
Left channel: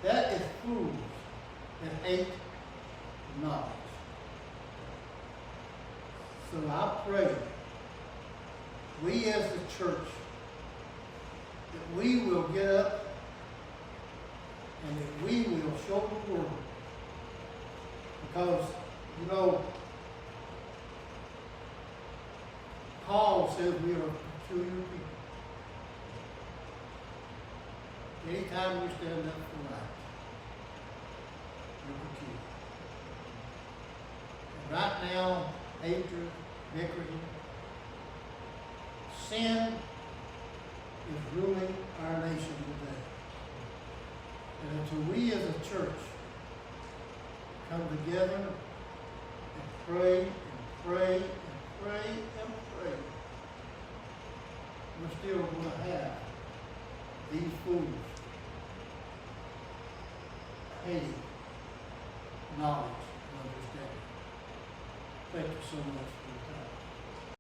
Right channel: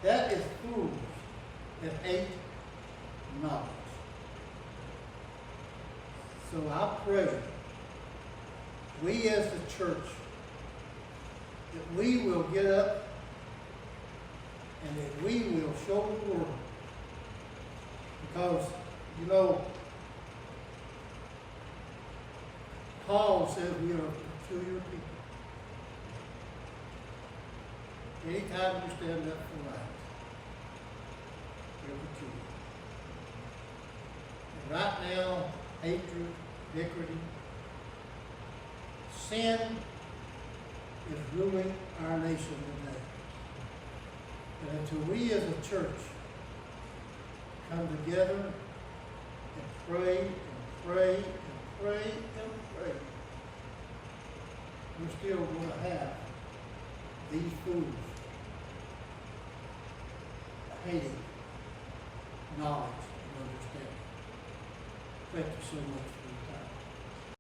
That is fools that hate knowledge. So I pray we as the church, that we will get up and that we will show the world. Because, you know, Paul says we are a peculiar people. Anytime you stand up for right, you're peculiar. And right now, hatred, bickering, sin is ruling our nation today. And until we as a church come together and pray and pray and pray and pray, we're still going to have these fools hating knowledge and understanding. Thank you so much for your time.